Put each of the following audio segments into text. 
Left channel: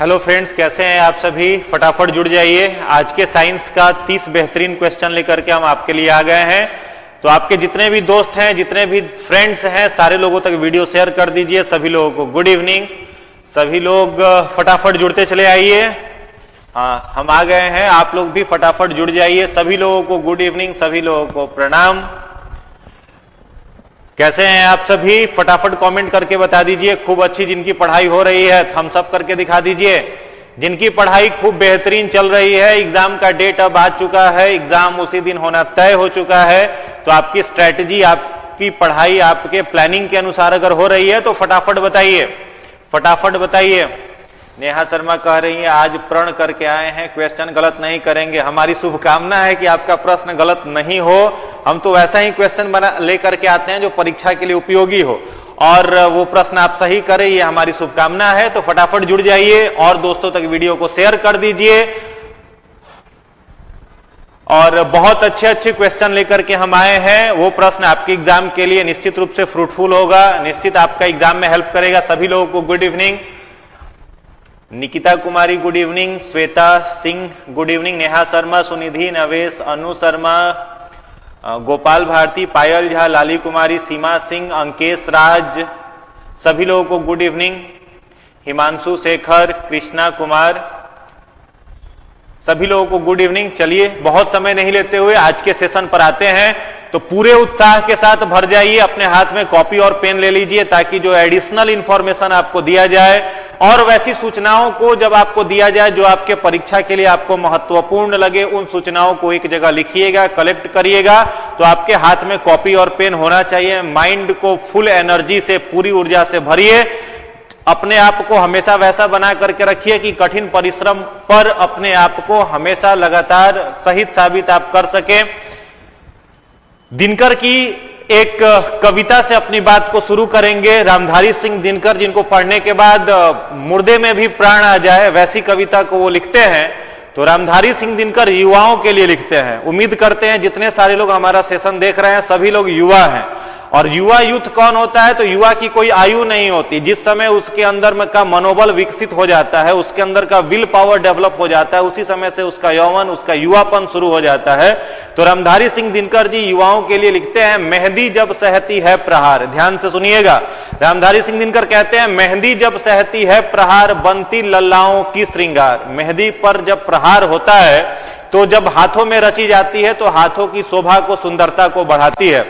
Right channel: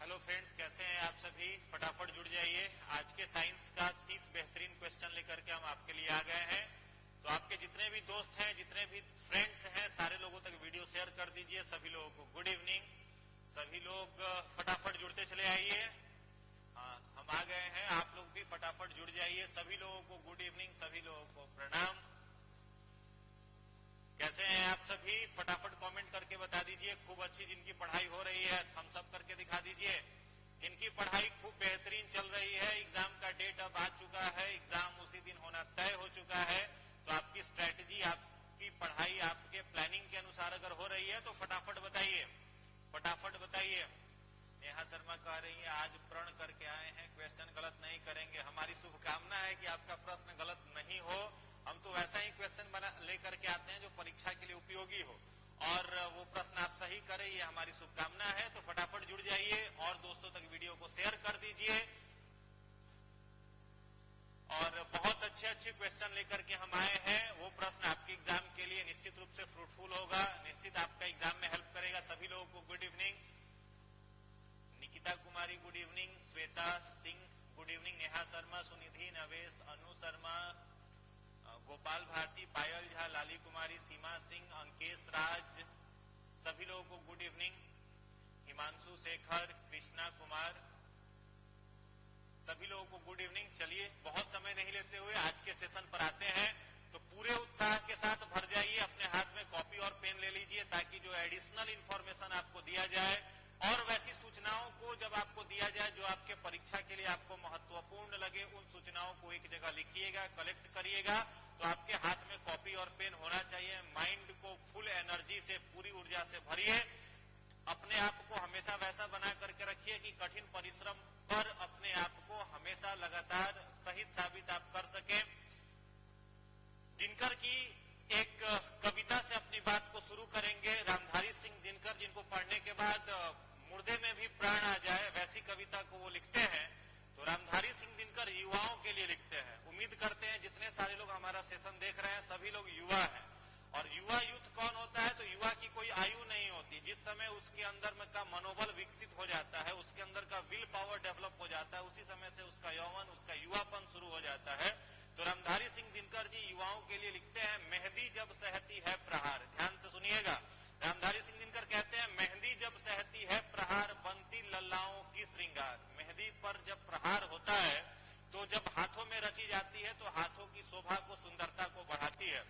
Hello friends, कैसे हैं आप सभी। फटाफट जुड़ जाइए। आज के साइंस का 30 बेहतरीन क्वेश्चन लेकर के हम आपके लिए आ गए हैं। तो आपके जितने भी दोस्त हैं, जितने भी फ्रेंड्स हैं, सारे लोगों तक वीडियो शेयर कर दीजिए। सभी लोगों को गुड इवनिंग। सभी लोग फटाफट जुड़ते चले आइए। हाँ, हम आ गए हैं, आप लोग भी फटाफट जुड़ जाइए। सभी लोगों को गुड इवनिंग, सभी लोगों को प्रणाम। कैसे हैं आप सभी, फटाफट कमेंट करके बता दीजिए। खूब अच्छी जिनकी पढ़ाई हो रही है थम्स अप करके दिखा दीजिए। जिनकी पढ़ाई खूब बेहतरीन चल रही है, एग्जाम का डेट अब आ चुका है, एग्जाम उसी दिन होना तय हो चुका है, तो आपकी स्ट्रेटजी, आपकी पढ़ाई आपके प्लानिंग के अनुसार अगर हो रही है तो फटाफट बताइए, फटाफट बताइए। नेहा शर्मा कह रही है आज प्रण करके आए हैं, क्वेश्चन गलत नहीं करेंगे। हमारी शुभकामना है कि आपका प्रश्न गलत नहीं हो। हम तो वैसा ही क्वेश्चन बना लेकर के आते हैं जो परीक्षा के लिए उपयोगी हो, और वो प्रश्न आप सही करें, ये हमारी शुभकामना है। तो फटाफट जुड़ जाइए और दोस्तों तक वीडियो को शेयर कर दीजिए। और बहुत अच्छे अच्छे क्वेश्चन लेकर के हम आए हैं। वो प्रश्न आपके एग्जाम के लिए निश्चित रूप से फ्रूटफुल होगा, निश्चित आपका एग्जाम में हेल्प करेगा। सभी लोगों को good evening. Nikita Kumari good evening, Shweta Singh good evening, Neha Sharma, Sunidhi, Navesh, Anu Sharma, Gopal Bharti, पायल झा, लाली कुमारी, सीमा सिंह, अंकेश राज, सभी लोगों को गुड इवनिंग। हिमांशु शेखर, कृष्णा कुमार, सभी लोगों को गुड इवनिंग। चलिए बहुत समय नहीं लेते हुए आज के सेशन पर आते हैं। तो पूरे उत्साह के साथ भर जाइए, अपने हाथ में कॉपी और पेन ले लीजिए, ताकि जो एडिशनल इंफॉर्मेशन आपको दिया जाए और वैसी सूचनाओं को जब आपको दिया जाए जो आपके परीक्षा के लिए आपको महत्वपूर्ण लगे, उन सूचनाओं को एक जगह लिखिएगा, कलेक्ट करिएगा। तो आपके हाथ में कॉपी और पेन होना चाहिए। माइंड को फुल एनर्जी से, पूरी ऊर्जा से भरिए। अपने आप को हमेशा वैसा बना करके रखिए कि कठिन परिश्रम पर अपने आप को हमेशा लगातार सही साबित आप कर सके। दिनकर की एक कविता से अपनी बात को शुरू करेंगे। रामधारी सिंह दिनकर, जिनको पढ़ने के बाद मुर्दे में भी प्राण आ जाए, वैसी कविता को वो लिखते हैं। तो रामधारी सिंह दिनकर युवाओं के लिए लिखते हैं। उम्मीद करते हैं जितने सारे लोग हमारा सेशन देख रहे हैं सभी लोग युवा हैं। और युवा यूथ कौन होता है? तो युवा की कोई आयु नहीं होती। जिस समय उसके अंदर में का मनोबल विकसित हो जाता है, उसके अंदर का विल पावर डेवलप हो जाता है, उसी समय से उसका यौवन, उसका युवापन शुरू हो जाता है। तो रामधारी सिंह दिनकर जी युवाओं के लिए लिखते हैं, मेहंदी जब सहती है प्रहार। ध्यान से सुनिएगा, रामधारी सिंह दिनकर कहते हैं मेहंदी जब सहती है प्रहार, बनती लल्लाओं की श्रृंगार। मेहंदी पर जब प्रहार होता है तो जब हाथों में रची जाती है तो हाथों की शोभा को, सुंदरता को बढ़ाती है।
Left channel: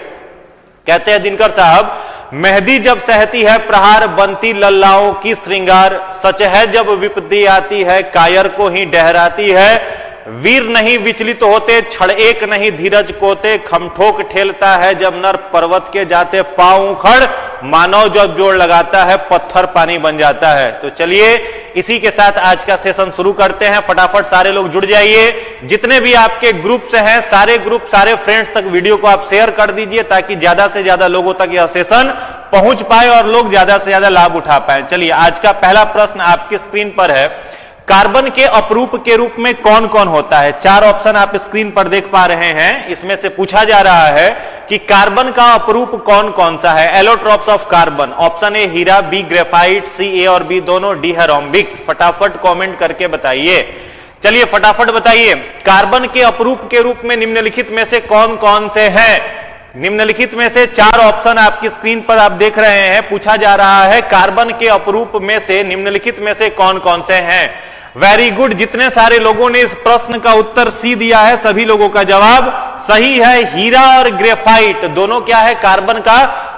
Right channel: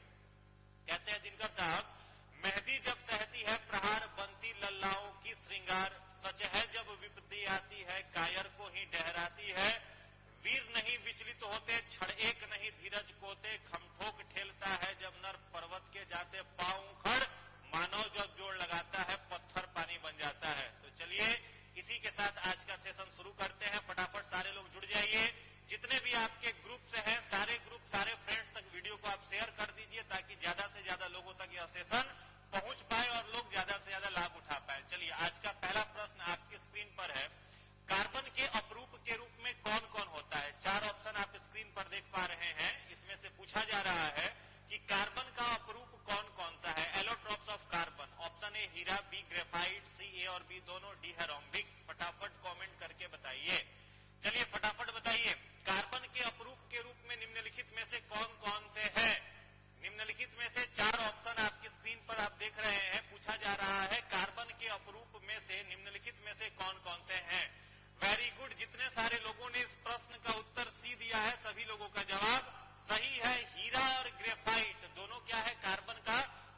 कहते हैं दिनकर साहब, मेहंदी जब सहती है प्रहार, बनती लल्लाओं की श्रृंगार। सच है जब विपत्ति आती है, कायर को ही डहराती है। वीर नहीं विचलित होते, क्षण एक नहीं धीरज कोते। खमठोक ठेलता है जब नर पर्वत के जाते पांव उखड़। मानव जब जोड़ लगाता है, पत्थर पानी बन जाता है। तो चलिए इसी के साथ आज का सेशन शुरू करते हैं। फटाफट सारे लोग जुड़ जाइए। जितने भी आपके ग्रुप से हैं, सारे ग्रुप, सारे फ्रेंड्स तक वीडियो को आप शेयर कर दीजिए, ताकि ज्यादा से ज्यादा लोगों तक यह सेशन पहुंच पाए और लोग ज्यादा से ज्यादा लाभ उठा पाए। चलिए आज का पहला प्रश्न आपकी स्क्रीन पर है, कार्बन के अपरूप के रूप में कौन कौन होता है? 4 ऑप्शन आप स्क्रीन पर देख पा रहे हैं। इसमें से पूछा जा रहा है कि कार्बन का अपरूप कौन कौन सा है। Allotropes of carbon, option A हीरा, बी ग्रेफाइट, सी ए और बी दोनों, डी है रोम्बिक। फटाफट कमेंट करके बताइए। चलिए फटाफट बताइए, कार्बन के अपरूप के रूप में निम्नलिखित में से कौन कौन से हैं? निम्नलिखित में से 4 ऑप्शन आपकी स्क्रीन पर आप देख रहे हैं। पूछा जा रहा है कार्बन के अपरूप में से निम्नलिखित में से कौन कौन से हैं। वेरी गुड, जितने सारे लोगों ने इस प्रश्न का उत्तर सी दिया है, सभी लोगों का जवाब सही है। हीरा और ग्रेफाइट दोनों क्या है? कार्बन का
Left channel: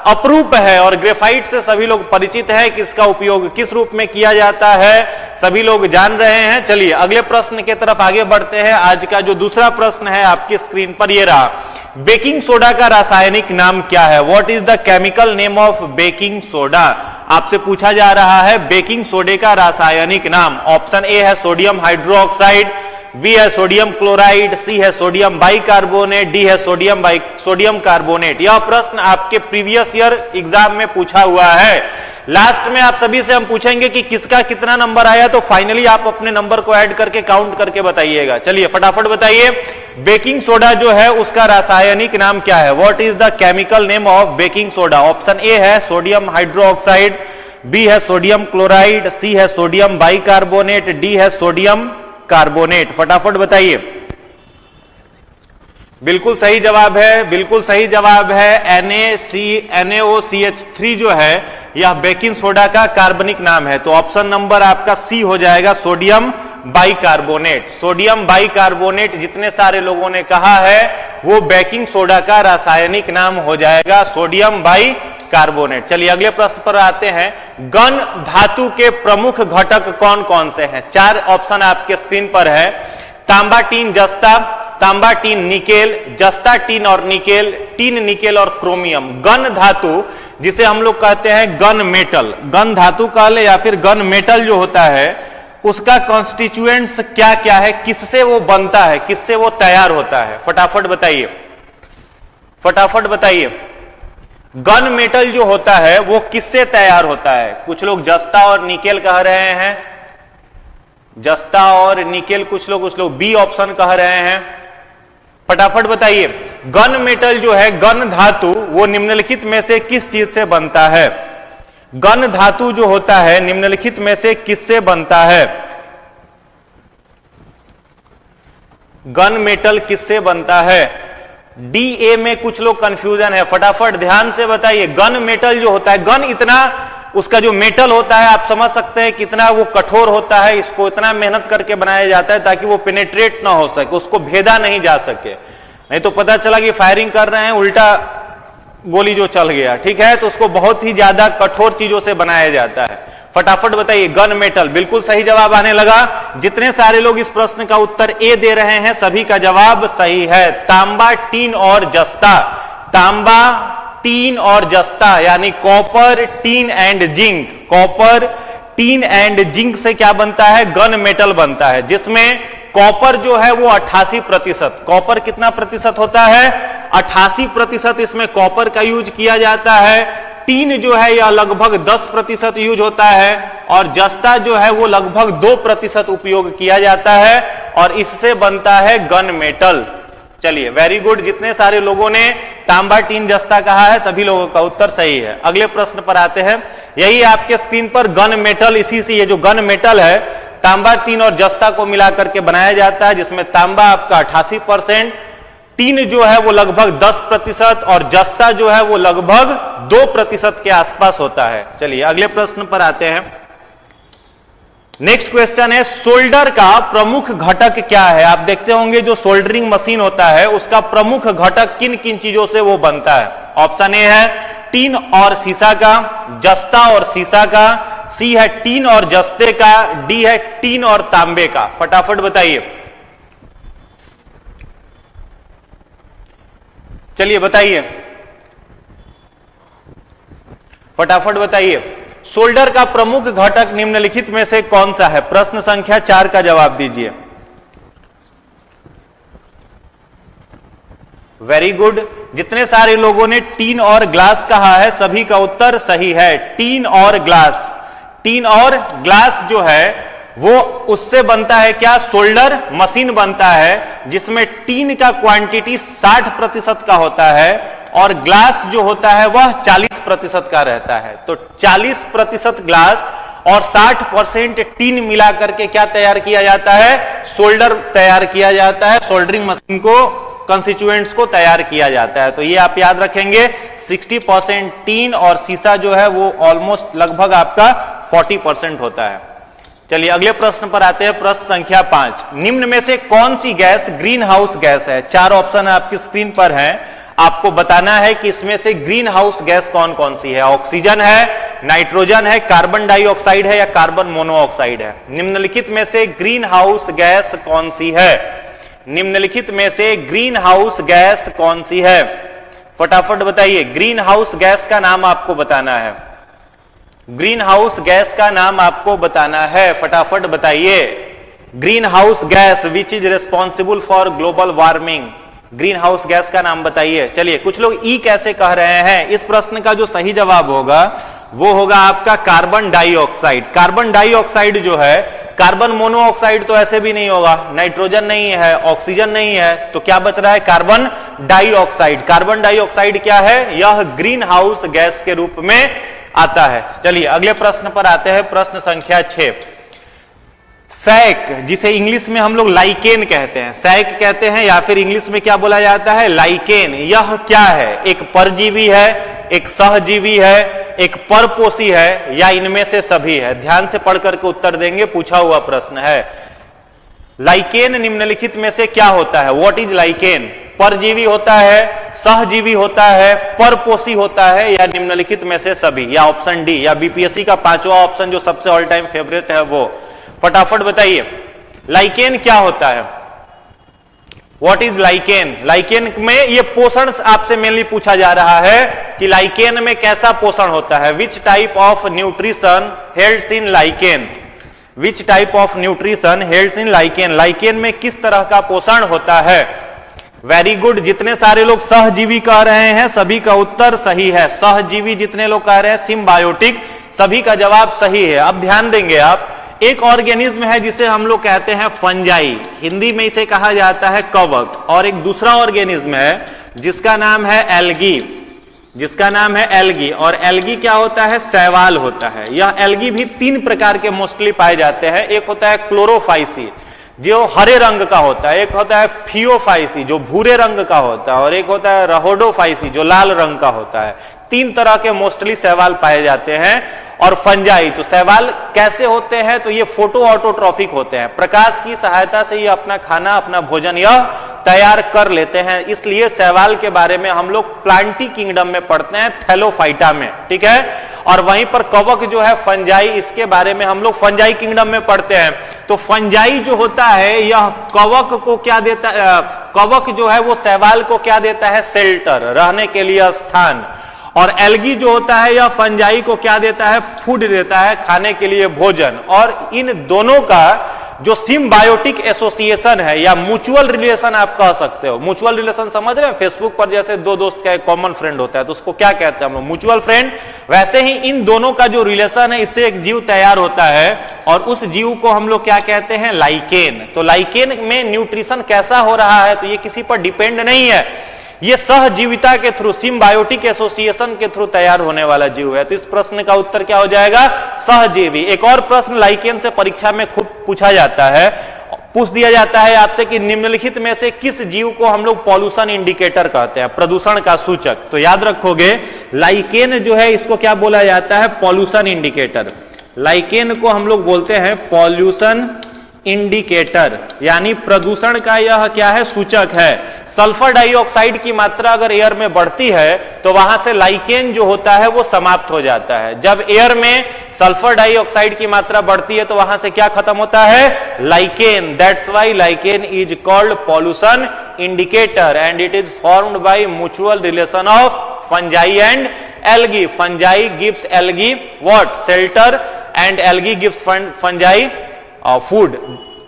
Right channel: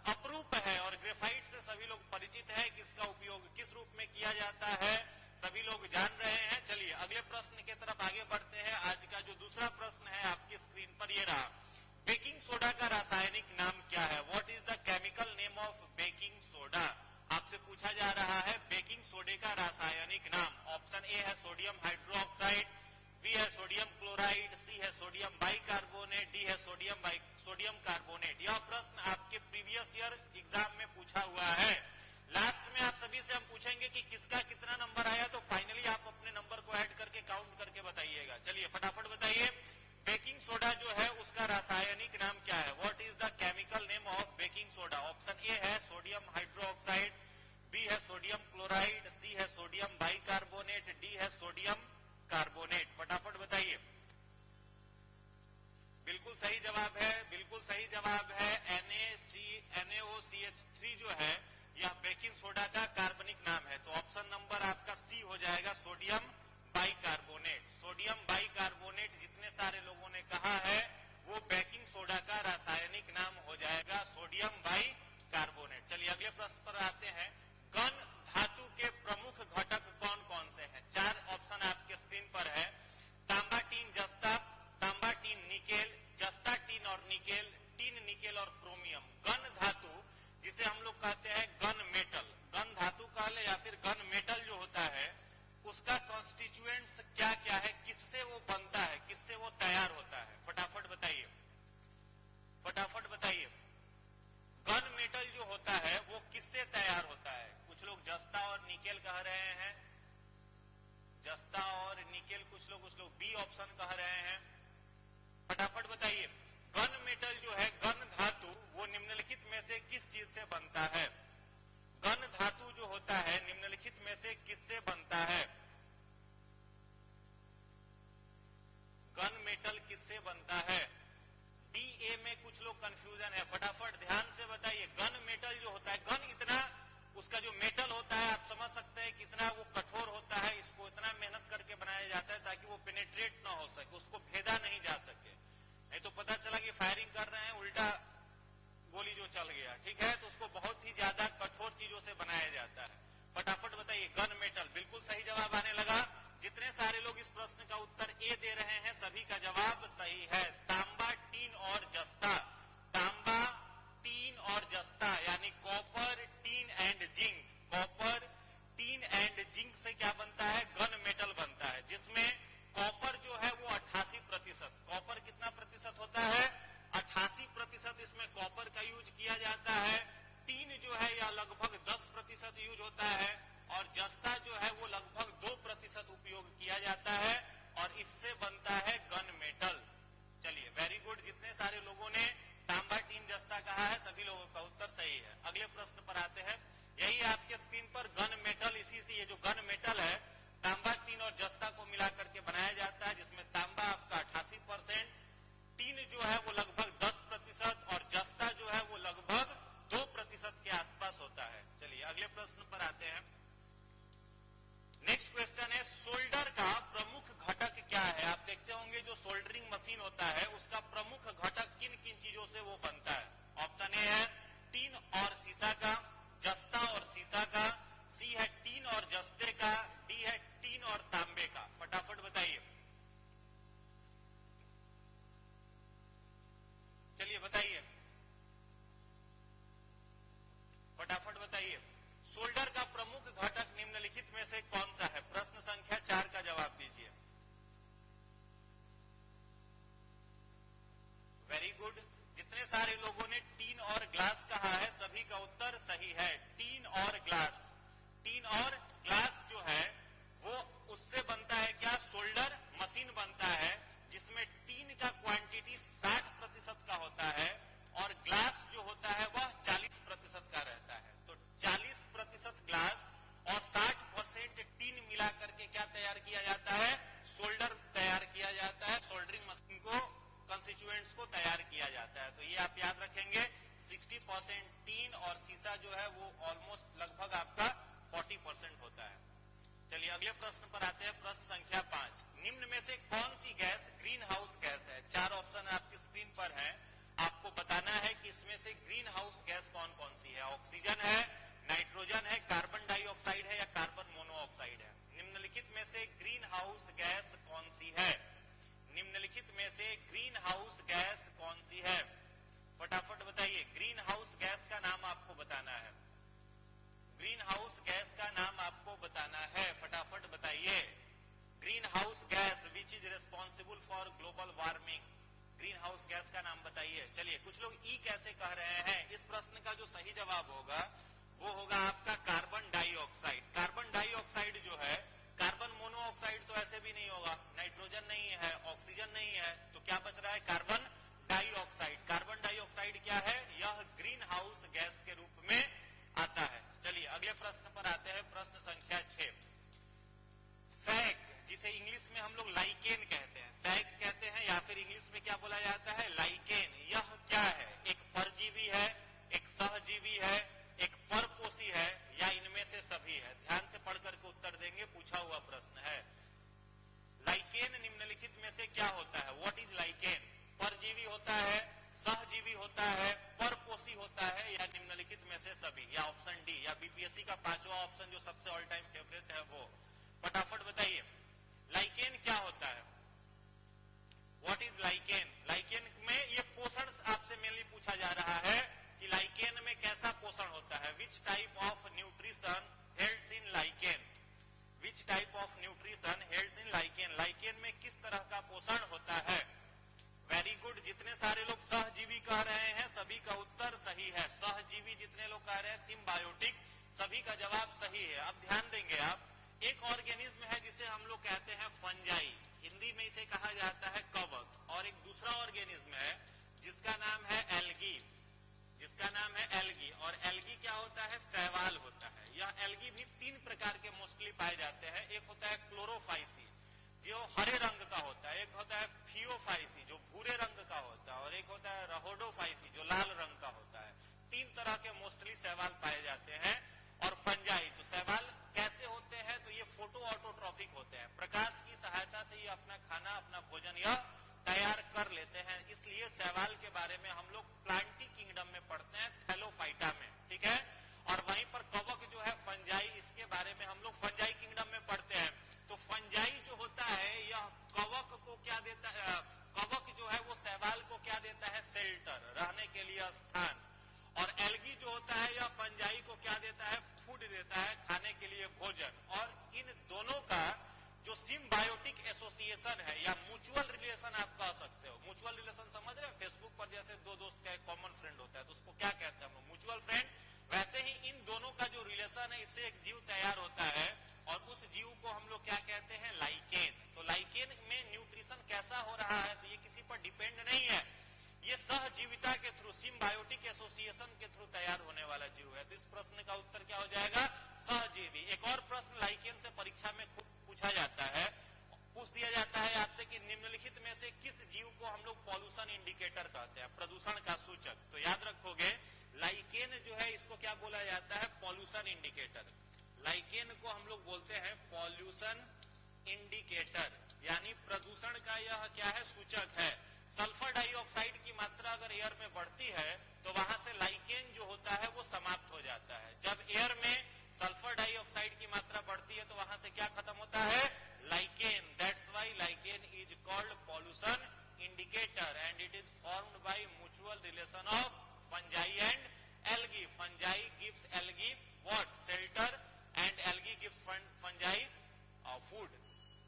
अपरूप है। और ग्रेफाइट से सभी लोग परिचित है कि इसका उपयोग किस रूप में किया जाता है, सभी लोग जान रहे हैं। चलिए अगले प्रश्न की तरफ आगे बढ़ते हैं। आज का जो दूसरा प्रश्न है आपकी स्क्रीन पर ये रहा, बेकिंग सोडा का रासायनिक नाम क्या है? What is the chemical name of baking soda? आपसे पूछा जा रहा है बेकिंग सोडे का रासायनिक नाम। ऑप्शन ए है सोडियम हाइड्रोक्साइड, बी है सोडियम क्लोराइड, सी है सोडियम बाइकार्बोनेट, डी है सोडियम कार्बोनेट। यह प्रश्न आपके प्रीवियस ईयर एग्जाम में पूछा हुआ है। लास्ट में आप सभी से हम पूछेंगे कि किसका कितना नंबर आया, तो फाइनली आप अपने नंबर को ऐड करके काउंट करके बताइएगा। चलिए फटाफट बताइए, बेकिंग सोडा जो है उसका रासायनिक नाम क्या है? What is the chemical name of baking soda? Option A है सोडियम हाइड्रोक्साइड, बी है सोडियम क्लोराइड, सी है सोडियम बाइकार्बोनेट, डी है सोडियम कार्बोनेट। फटाफट बताइए। बिल्कुल सही जवाब है, बिल्कुल सही जवाब है NaOCH3 जो है यह बेकिंग सोडा का कार्बनिक नाम है। तो ऑप्शन नंबर आपका सी हो जाएगा, सोडियम बाइकार्बोनेट। सोडियम बाइकार्बोनेट जितने सारे लोगों ने कहा है वो बेकिंग सोडा का रासायनिक नाम हो जाएगा, सोडियम बाइकार्बोनेट। चलिए अगले प्रश्न पर आते हैं। गन धातु के प्रमुख घटक कौन कौन से हैं? 4 ऑप्शन आपके स्क्रीन पर है। तांबा, टीन, जस्ता, तांबा, टीन, निकेल, जस्ता, टीन और निकेल, टीन, निकेल और क्रोमियम। गन धातु जिसे हम लोग कहते हैं गन मेटल, गन धातु कह ले या फिर गन मेटल जो होता है उसका कॉन्स्टिट्यूएंट्स क्या क्या है, किससे वो बनता है, किससे वो तैयार होता है? फटाफट बताइए, फटाफट बताइए। गन मेटल जो होता है वो किससे तैयार होता है? कुछ लोग जस्ता और निकेल कह रहे हैं, जस्ता और निकेल, कुछ लोग बी ऑप्शन कह रहे हैं। फटाफट बताइए। गन मेटल जो है, गन धातु, वो निम्नलिखित में से किस चीज से बनता है? गन धातु जो होता है निम्नलिखित में से किससे बनता है? गन मेटल किससे बनता है? डी ए में कुछ लोग कंफ्यूजन है, फटाफट ध्यान से बताइए। गन मेटल जो होता है, गन इतना उसका जो मेटल होता है आप समझ सकते हैं कितना वो कठोर होता है, इसको इतना मेहनत करके बनाया जाता है ताकि वो पेनेट्रेट ना हो सके, उसको भेदा नहीं जा सके। नहीं तो पता चला कि फायरिंग कर रहे हैं, उल्टा गोली जो चल गया, ठीक है? तो उसको बहुत ही ज्यादा कठोर चीजों से बनाया जाता है। फटाफट बताइए। गन मेटल, बिल्कुल सही जवाब आने लगा। जितने सारे लोग इस प्रश्न का उत्तर ए दे रहे हैं सभी का जवाब सही है। तांबा, टीन और जस्ता, तांबा, टीन और जस्ता यानी copper, tin and zinc, copper, tin and zinc से क्या बनता है? गन मेटल बनता है, जिसमें कॉपर जो है वो 88%, कॉपर कितना प्रतिशत होता है? 88% इसमें कॉपर का यूज किया जाता है। टीन जो है यह लगभग 10% यूज होता है और जस्ता जो है वो लगभग 2% उपयोग किया जाता है और इससे बनता है गन मेटल। चलिए वेरी गुड, जितने सारे लोगों ने तांबा, टीन, जस्ता कहा है सभी लोगों का उत्तर सही है। अगले प्रश्न पर आते हैं। यही आपके स्क्रीन पर गन मेटल, इसी से ये जो गन मेटल है तांबा, टीन और जस्ता को मिलाकर के बनाया जाता है, जिसमें तांबा आपका 88%, टीन जो है वो लगभग 10% और जस्ता जो है वो लगभग 2% के आसपास होता है। चलिए अगले प्रश्न पर आते हैं। नेक्स्ट क्वेश्चन है, सोल्डर का प्रमुख घटक क्या है? आप देखते होंगे जो सोल्डरिंग मशीन होता है उसका प्रमुख घटक किन किन चीजों से वो बनता है? ऑप्शन ए है टीन और सीसा का, जस्ता और सीसा का, सी है टीन और जस्ते का, डी है टीन और तांबे का। फटाफट बताइए, चलिए बताइए, फटाफट बताइए। सोल्डर का प्रमुख घटक निम्नलिखित में से कौन सा है? प्रश्न संख्या 4 का जवाब दीजिए। वेरी गुड, जितने सारे लोगों ने टीन और ग्लास कहा है सभी का उत्तर सही है। टीन और ग्लास, टीन और ग्लास जो है वो उससे बनता है क्या? सोल्डर मशीन बनता है जिसमें टीन का क्वांटिटी 60% का होता है और ग्लास जो होता है वह 40% का रहता है। तो 40% ग्लास और 60% टीन मिलाकर के क्या तैयार किया जाता है? सोल्डर तैयार किया जाता है, सोल्डरिंग मशीन को, कंस्टिट्यूएंट्स को तैयार किया जाता है। तो ये आप याद रखेंगे, 60% टीन और सीसा जो है वो ऑलमोस्ट लगभग आपका 40% होता है। चलिए अगले प्रश्न पर आते हैं। प्रश्न संख्या 5, निम्न में से कौन सी गैस ग्रीन हाउस गैस है? 4 ऑप्शन आपकी स्क्रीन पर है, आपको बताना है कि इसमें से ग्रीन हाउस गैस कौन कौन सी है। ऑक्सीजन है, नाइट्रोजन है, कार्बन डाइऑक्साइड है या कार्बन मोनोऑक्साइड है। निम्नलिखित में से ग्रीन हाउस गैस कौन सी है? निम्नलिखित में से ग्रीन हाउस गैस कौन सी है? फटाफट बताइए। ग्रीन हाउस गैस का नाम आपको बताना है, ग्रीन हाउस गैस का नाम आपको बताना है, फटाफट बताइए। Green house gas which is responsible for global warming, green house gas का नाम बताइए। चलिए कुछ लोग ई कैसे कह रहे हैं, इस प्रश्न का जो सही जवाब होगा वो होगा आपका कार्बन डाइऑक्साइड। कार्बन डाइऑक्साइड जो है, कार्बन मोनोऑक्साइड तो ऐसे भी नहीं होगा, नाइट्रोजन नहीं है, ऑक्सीजन नहीं है, तो क्या बच रहा है? Carbon dioxide. कार्बन डाइऑक्साइड क्या है? यह ग्रीन हाउस गैस के रूप में आता है। चलिए अगले प्रश्न पर आते हैं, प्रश्न संख्या 6। सैक, जिसे इंग्लिश में हम लोग लाइकेन कहते हैं, सैक कहते हैं या फिर इंग्लिश में क्या बोला जाता है, लाइकेन। यह क्या है? एक परजीवी है, एक सहजीवी है, एक परपोषी है, या इनमें से सभी है? ध्यान से पढ़ करके उत्तर देंगे, पूछा हुआ प्रश्न है। लाइकेन निम्नलिखित में से क्या होता है? What is lichen? परजीवी होता है, सहजीवी होता है, परपोषी होता है, या निम्नलिखित में से सभी, या ऑप्शन डी, या बीपीएससी का 5वां ऑप्शन जो सबसे ऑल टाइम फेवरेट है वो? फटाफट बताइए, लाइकेन क्या होता है? What is lichen? लाइकेन में ये पोषण आपसे मेनली पूछा जा रहा है कि लाइकेन में कैसा पोषण होता है। Which type of nutrition holds in lichen? Which type of nutrition holds in lichen? Lichen में किस तरह का पोषण होता है? वेरी गुड, जितने सारे लोग सहजीवी कह रहे हैं सभी का उत्तर सही है। सहजीवी जितने लोग कह रहे हैं, सिम्बायोटिक, सभी का जवाब सही है। अब ध्यान देंगे आप, एक ऑर्गेनिज्म है जिसे हम लोग कहते हैं फंजाई, हिंदी में इसे कहा जाता है कवक, और एक दूसरा ऑर्गेनिज्म है जिसका नाम है एल्गी, जिसका नाम है एल्गी। और एल्गी क्या होता है? शैवाल होता है। यह एल्गी भी 3 प्रकार के मोस्टली पाए जाते हैं। एक होता है क्लोरोफाइसी जो हरे रंग का होता है, एक होता है फियोफाइसी जो भूरे रंग का होता है, और एक होता है रहोडोफाइसी जो लाल रंग का होता है। 3 तरह के मोस्टली शैवाल पाए जाते हैं। और फंजाई, तो शैवाल कैसे होते हैं? तो ये फोटो ऑटोट्रॉफिक होते हैं, प्रकाश की सहायता से ये अपना खाना, अपना भोजन यह तैयार कर लेते हैं। इसलिए शैवाल के बारे में हम लोग प्लांटी किंगडम में पढ़ते हैं, थैलोफाइटा में, ठीक है। और वहीं पर कवक जो है फंजाई, इसके बारे में हम लोग फंजाई किंगडम में पढ़ते हैं। तो फंजाई जो होता है यह कवक को क्या देता है? कवक जो है वो शैवाल को क्या देता है? शेल्टर, रहने के लिए स्थान। और एल्गी जो होता है यह फंजाई को क्या देता है? फूड देता है, खाने के लिए भोजन। और इन दोनों का जो सिम्बायोटिक एसोसिएशन है या म्यूचुअल रिलेशन आप कह सकते हो, म्यूचुअल रिलेशन समझ रहे हैं? फेसबुक पर जैसे 2 दोस्त का एक कॉमन फ्रेंड होता है तो उसको क्या कहते हैं हम लोग? Mutual friend. वैसे ही इन दोनों का जो रिलेशन है इससे एक जीव तैयार होता है, और उस जीव को हम लोग क्या कहते हैं? लाइकेन। तो लाइकेन में न्यूट्रिशन कैसा हो रहा है? तो ये किसी पर डिपेंड नहीं है, ये सहजीविता के थ्रू, सिम्बायोटिक एसोसिएशन के थ्रू तैयार होने वाला जीव है। तो इस प्रश्न का उत्तर क्या हो जाएगा? सहजीवी। एक और प्रश्न लाइकेन से परीक्षा में खूब पूछा जाता है, पूछ दिया जाता है आपसे कि निम्नलिखित में से किस जीव को हम लोग पॉल्यूशन इंडिकेटर कहते हैं, प्रदूषण का सूचक? तो याद रखोगे, लाइकेन जो है इसको क्या बोला जाता है? Pollution indicator. लाइकेन को हम लोग बोलते हैं पॉल्यूशन इंडिकेटर, यानी प्रदूषण का यह क्या है? सूचक है। सल्फर डाइऑक्साइड की मात्रा अगर एयर में बढ़ती है तो वहां से लाइकेन जो होता है वो समाप्त हो जाता है। जब एयर में सल्फर डाइऑक्साइड की मात्रा बढ़ती है तो वहां से क्या खत्म होता है? Lichen. That's why lichen is called pollution indicator and it is formed by mutual relation of fungi and algae. Fungi gives algae what? Shelter, and algae gives fungi food.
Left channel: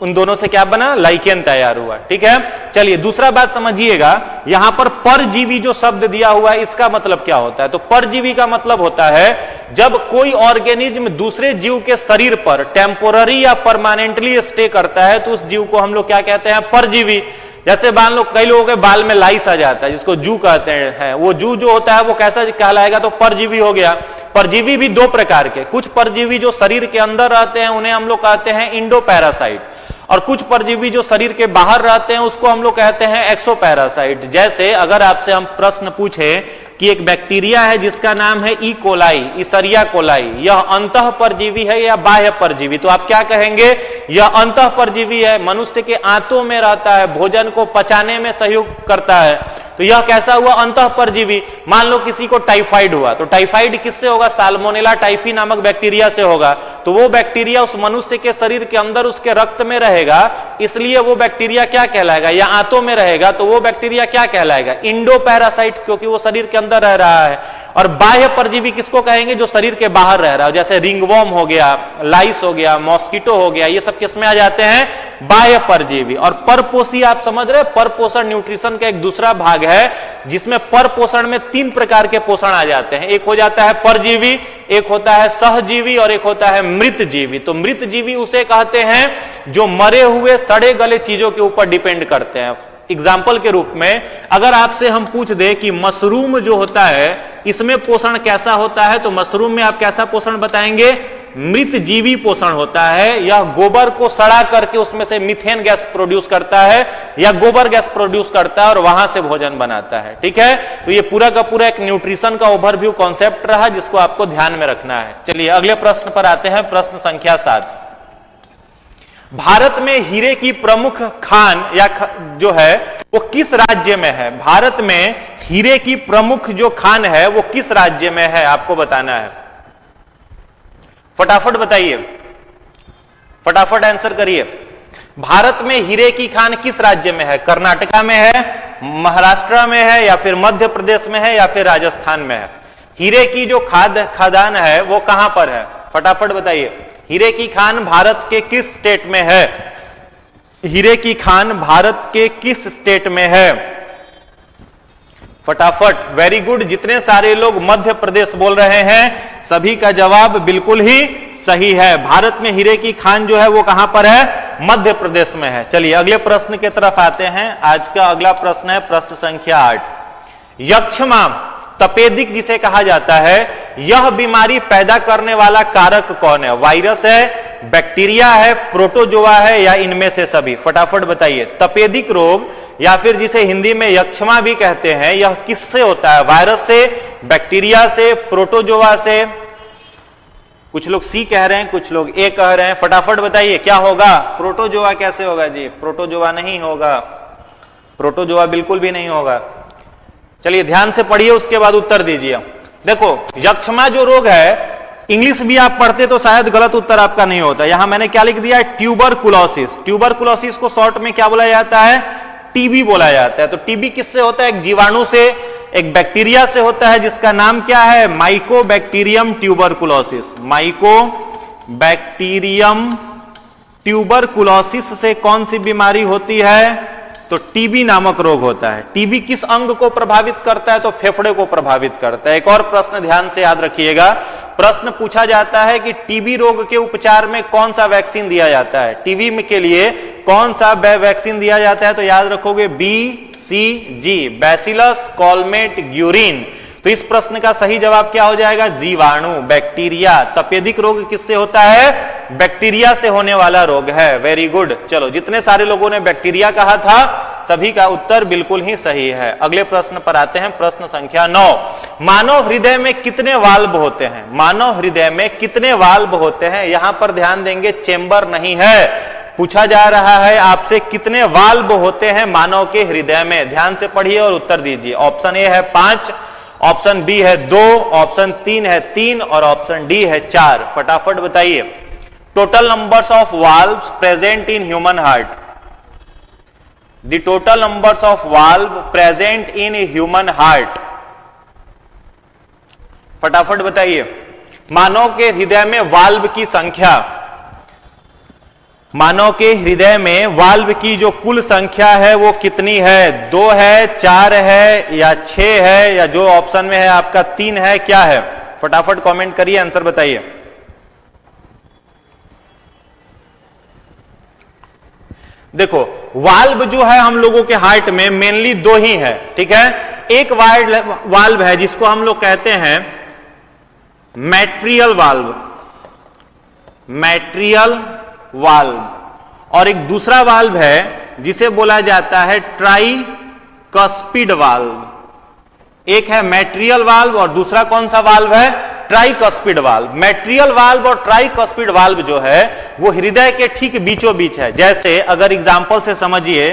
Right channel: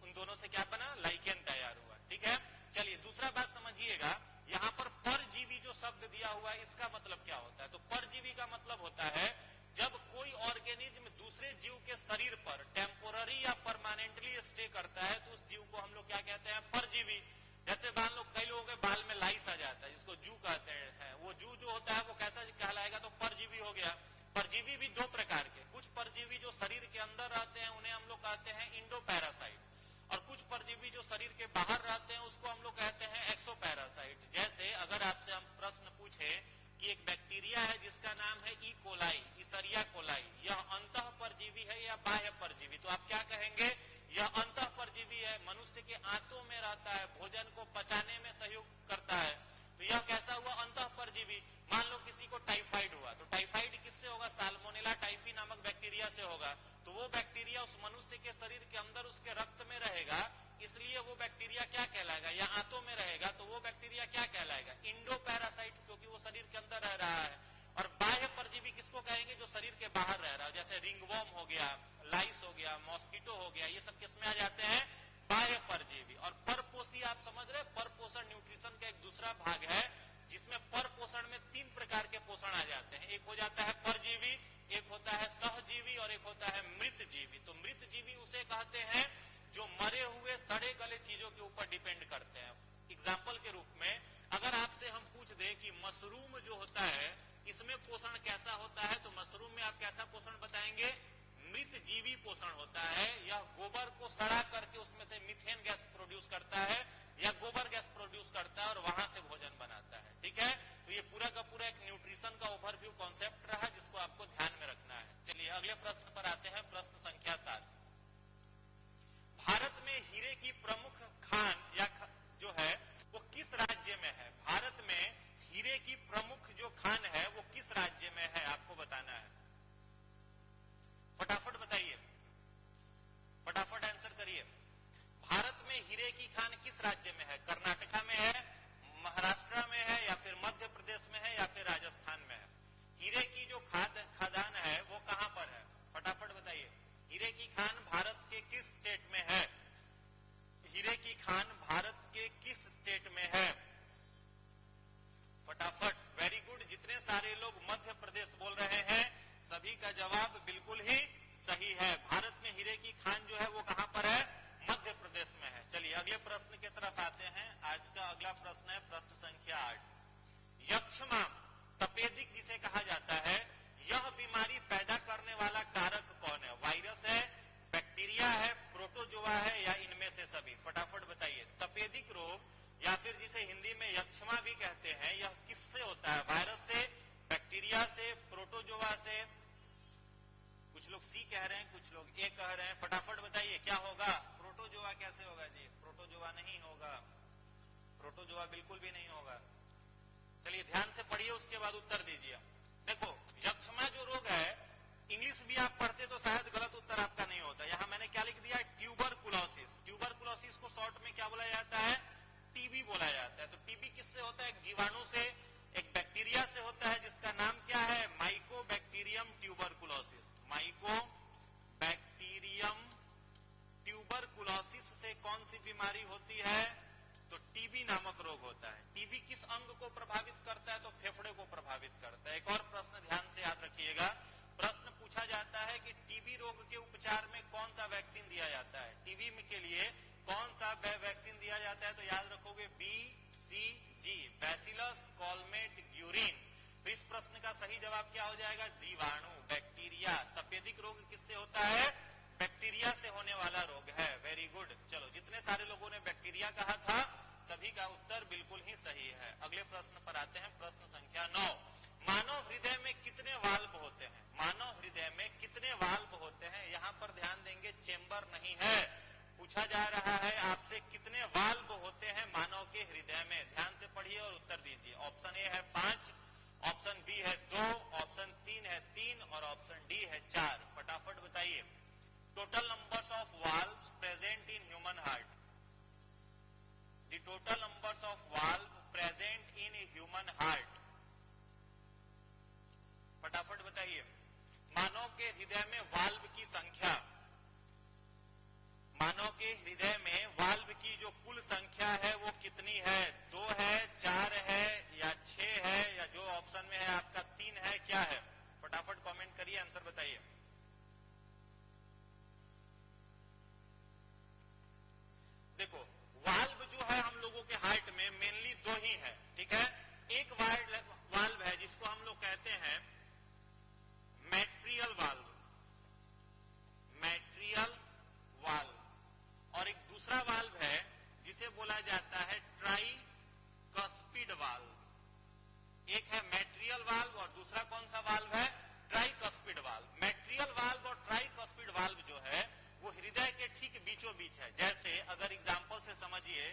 उन दोनों से क्या बना? लाइकेन तैयार हुआ, ठीक है। चलिए दूसरा बात समझिएगा, यहां पर परजीवी जो शब्द दिया हुआ है इसका मतलब क्या होता है? तो परजीवी का मतलब होता है जब कोई ऑर्गेनिज्म दूसरे जीव के शरीर पर टेम्पोररी या परमानेंटली स्टे करता है तो उस जीव को हम लोग क्या कहते हैं? परजीवी। जैसे मान लो कई लोगों के बाल में लाइस आ जाता है जिसको जू कहते हैं, वो जू जो होता है वो कैसा कहलाएगा? तो परजीवी हो गया। परजीवी भी 2 प्रकार के, कुछ परजीवी जो शरीर के अंदर रहते हैं उन्हें हम लोग कहते हैं इंडोपैरासाइट, और कुछ परजीवी जो शरीर के बाहर रहते हैं उसको हम लोग कहते हैं एक्सोपैरासाइट। जैसे अगर आपसे हम प्रश्न पूछे कि एक बैक्टीरिया है जिसका नाम है ई कोलाई, इशरिया कोलाई, यह अंतः परजीवी है या बाह्य परजीवी? तो आप क्या कहेंगे? यह अंतः परजीवी है, मनुष्य के आंतों में रहता है, भोजन को पचाने में सहयोग करता है। तो यह कैसा हुआ? अंतः परजीवी। मान लो किसी को टाइफाइड हुआ, तो टाइफाइड किससे होगा? साल्मोनेला टाइफी नामक बैक्टीरिया से होगा। तो वो बैक्टीरिया उस मनुष्य के शरीर के अंदर उसके रक्त में रहेगा, इसलिए वो बैक्टीरिया क्या कहलाएगा? या आंतों में रहेगा तो वो बैक्टीरिया क्या कहलाएगा? इंडोपैरासाइट, क्योंकि वो शरीर के अंदर रह रहा है। और बाह्य परजीवी किसको कहेंगे? जो शरीर के बाहर रह रहा है, जैसे रिंगवॉर्म हो गया, लाइस हो गया, मॉस्किटो हो गया, ये सब किसमें आ जाते हैं? बाह्य परजीवी। और परपोषी आप समझ रहे हैं, परपोषण न्यूट्रिशन का एक दूसरा भाग है जिसमें परपोषण में 3 प्रकार के पोषण आ जाते हैं। एक हो जाता है परजीवी, एक होता है सहजीवी, और एक होता है मृत जीवी। तो मृत जीवी उसे कहते हैं जो मरे हुए सड़े गले चीजों के ऊपर डिपेंड करते हैं। एग्जाम्पल के रूप में अगर आपसे हम पूछ दे कि मशरूम जो होता है इसमें पोषण कैसा होता है? तो मशरूम में आप कैसा पोषण बताएंगे? मृत जीवी पोषण होता है। यह गोबर को सड़ा करके उसमें से मीथेन गैस प्रोड्यूस करता है या गोबर गैस प्रोड्यूस करता है और वहां से भोजन बनाता है। ठीक है, तो ये पूरा का पूरा एक न्यूट्रिशन का ओवरव्यू कॉन्सेप्ट रहा जिसको आपको ध्यान में रखना है। चलिए अगले प्रश्न पर आते हैं, प्रश्न संख्या 7। भारत में हीरे की प्रमुख खान या जो है वो किस राज्य में है? भारत में हीरे की प्रमुख जो खान है वो किस राज्य में है, आपको बताना है। फटाफट बताइए, फटाफट आंसर करिए। भारत में हीरे की खान किस राज्य में है? कर्नाटका में है, महाराष्ट्र में है, या फिर मध्य प्रदेश में है, या फिर राजस्थान में है? हीरे की जो खदान है वो कहां पर है? फटाफट बताइए। हीरे की खान भारत के किस स्टेट में है? हीरे की खान भारत के किस स्टेट में है? फटाफट, वेरी गुड। जितने सारे लोग मध्य प्रदेश बोल रहे हैं सभी का जवाब बिल्कुल ही सही है। भारत में हीरे की खान जो है वो कहां पर है? मध्य प्रदेश में है। चलिए अगले प्रश्न की तरफ आते हैं। आज का अगला प्रश्न है प्रश्न संख्या 8। यक्ष्मा तपेदिक जिसे कहा जाता है, यह बीमारी पैदा करने वाला कारक कौन है? वायरस है, बैक्टीरिया है, प्रोटोजोआ है, या इनमें से सभी? फटाफट बताइए। तपेदिक रोग या फिर जिसे हिंदी में यक्ष्मा भी कहते हैं, यह किससे होता है? वायरस से, बैक्टीरिया से, प्रोटोजोआ से? कुछ लोग सी कह रहे हैं, कुछ लोग ए कह रहे हैं। फटाफट बताइए क्या होगा? प्रोटोजोआ कैसे होगा जी? प्रोटोजोआ नहीं होगा, प्रोटोजोआ बिल्कुल भी नहीं होगा। चलिए ध्यान से पढ़िए, उसके बाद उत्तर दीजिए। देखो यक्ष्मा जो रोग है, इंग्लिश भी आप पढ़ते तो शायद गलत उत्तर आपका नहीं होता। यहां मैंने क्या लिख दिया है? ट्यूबरकुलोसिस। ट्यूबरकुलोसिस को शॉर्ट में क्या बोला जाता है? टीबी बोला जाता है। तो टीबी किससे होता है? एक जीवाणु से, एक बैक्टीरिया से होता है जिसका नाम क्या है? Mycobacterium tuberculosis. माइकोबैक्टीरियम ट्यूबरकुलोसिस से कौन सी बीमारी होती है? तो टीबी नामक रोग होता है। टीबी किस अंग को प्रभावित करता है? तो फेफड़े को प्रभावित करता है। एक और प्रश्न ध्यान से याद रखिएगा, प्रश्न पूछा जाता है कि टीबी रोग के उपचार में कौन सा वैक्सीन दिया जाता है? टीबी के लिए कौन सा वैक्सीन दिया जाता है? तो याद रखोगे BCG, बैसिलस कॉलमेट ग्यूरिन। तो इस प्रश्न का सही जवाब क्या हो जाएगा? जीवाणु, बैक्टीरिया। तपेदिक रोग किससे होता है? बैक्टीरिया से होने वाला रोग है। Very good. चलो जितने सारे लोगों ने बैक्टीरिया कहा था सभी का उत्तर बिल्कुल ही सही है। अगले प्रश्न पर आते हैं, प्रश्न संख्या 9। मानव हृदय में कितने वाल्व होते हैं? मानव हृदय में कितने वाल्व होते हैं? यहां पर ध्यान देंगे, चेंबर नहीं है। पूछा जा रहा है आपसे कितने वाल्व होते हैं मानव के हृदय में। ध्यान से पढ़िए और उत्तर दीजिए। ऑप्शन ए है 5, ऑप्शन बी है 2, ऑप्शन 3 है 3 और ऑप्शन डी है 4। फटाफट बताइए। Total numbers of valves present in human heart. The total numbers of valve present in human heart. फटाफट बताइए। मानव के हृदय में वाल्व की संख्या, मानव के हृदय में वाल्व की जो कुल संख्या है वो कितनी है? 2 है, 4 है, या 6 है, या जो ऑप्शन में है आपका 3 है, क्या है? फटाफट कमेंट करिए, आंसर बताइए। देखो वाल्व जो है हम लोगों के हार्ट में मेनली 2 ही है। ठीक है, एक वाल्व है जिसको हम लोग कहते हैं मैट्रियल वाल्व, मैट्रियल वाल्व, और एक दूसरा वाल्व है जिसे बोला जाता है ट्राइकस्पिड वाल्व। एक है मैट्रियल वाल्व और दूसरा कौन सा वाल्व है? Tricuspid valve. मैट्रियल वाल्व और ट्राइकस्पिड वाल्व जो है वो हृदय के ठीक बीचों बीच है। जैसे अगर एग्जांपल से समझिए,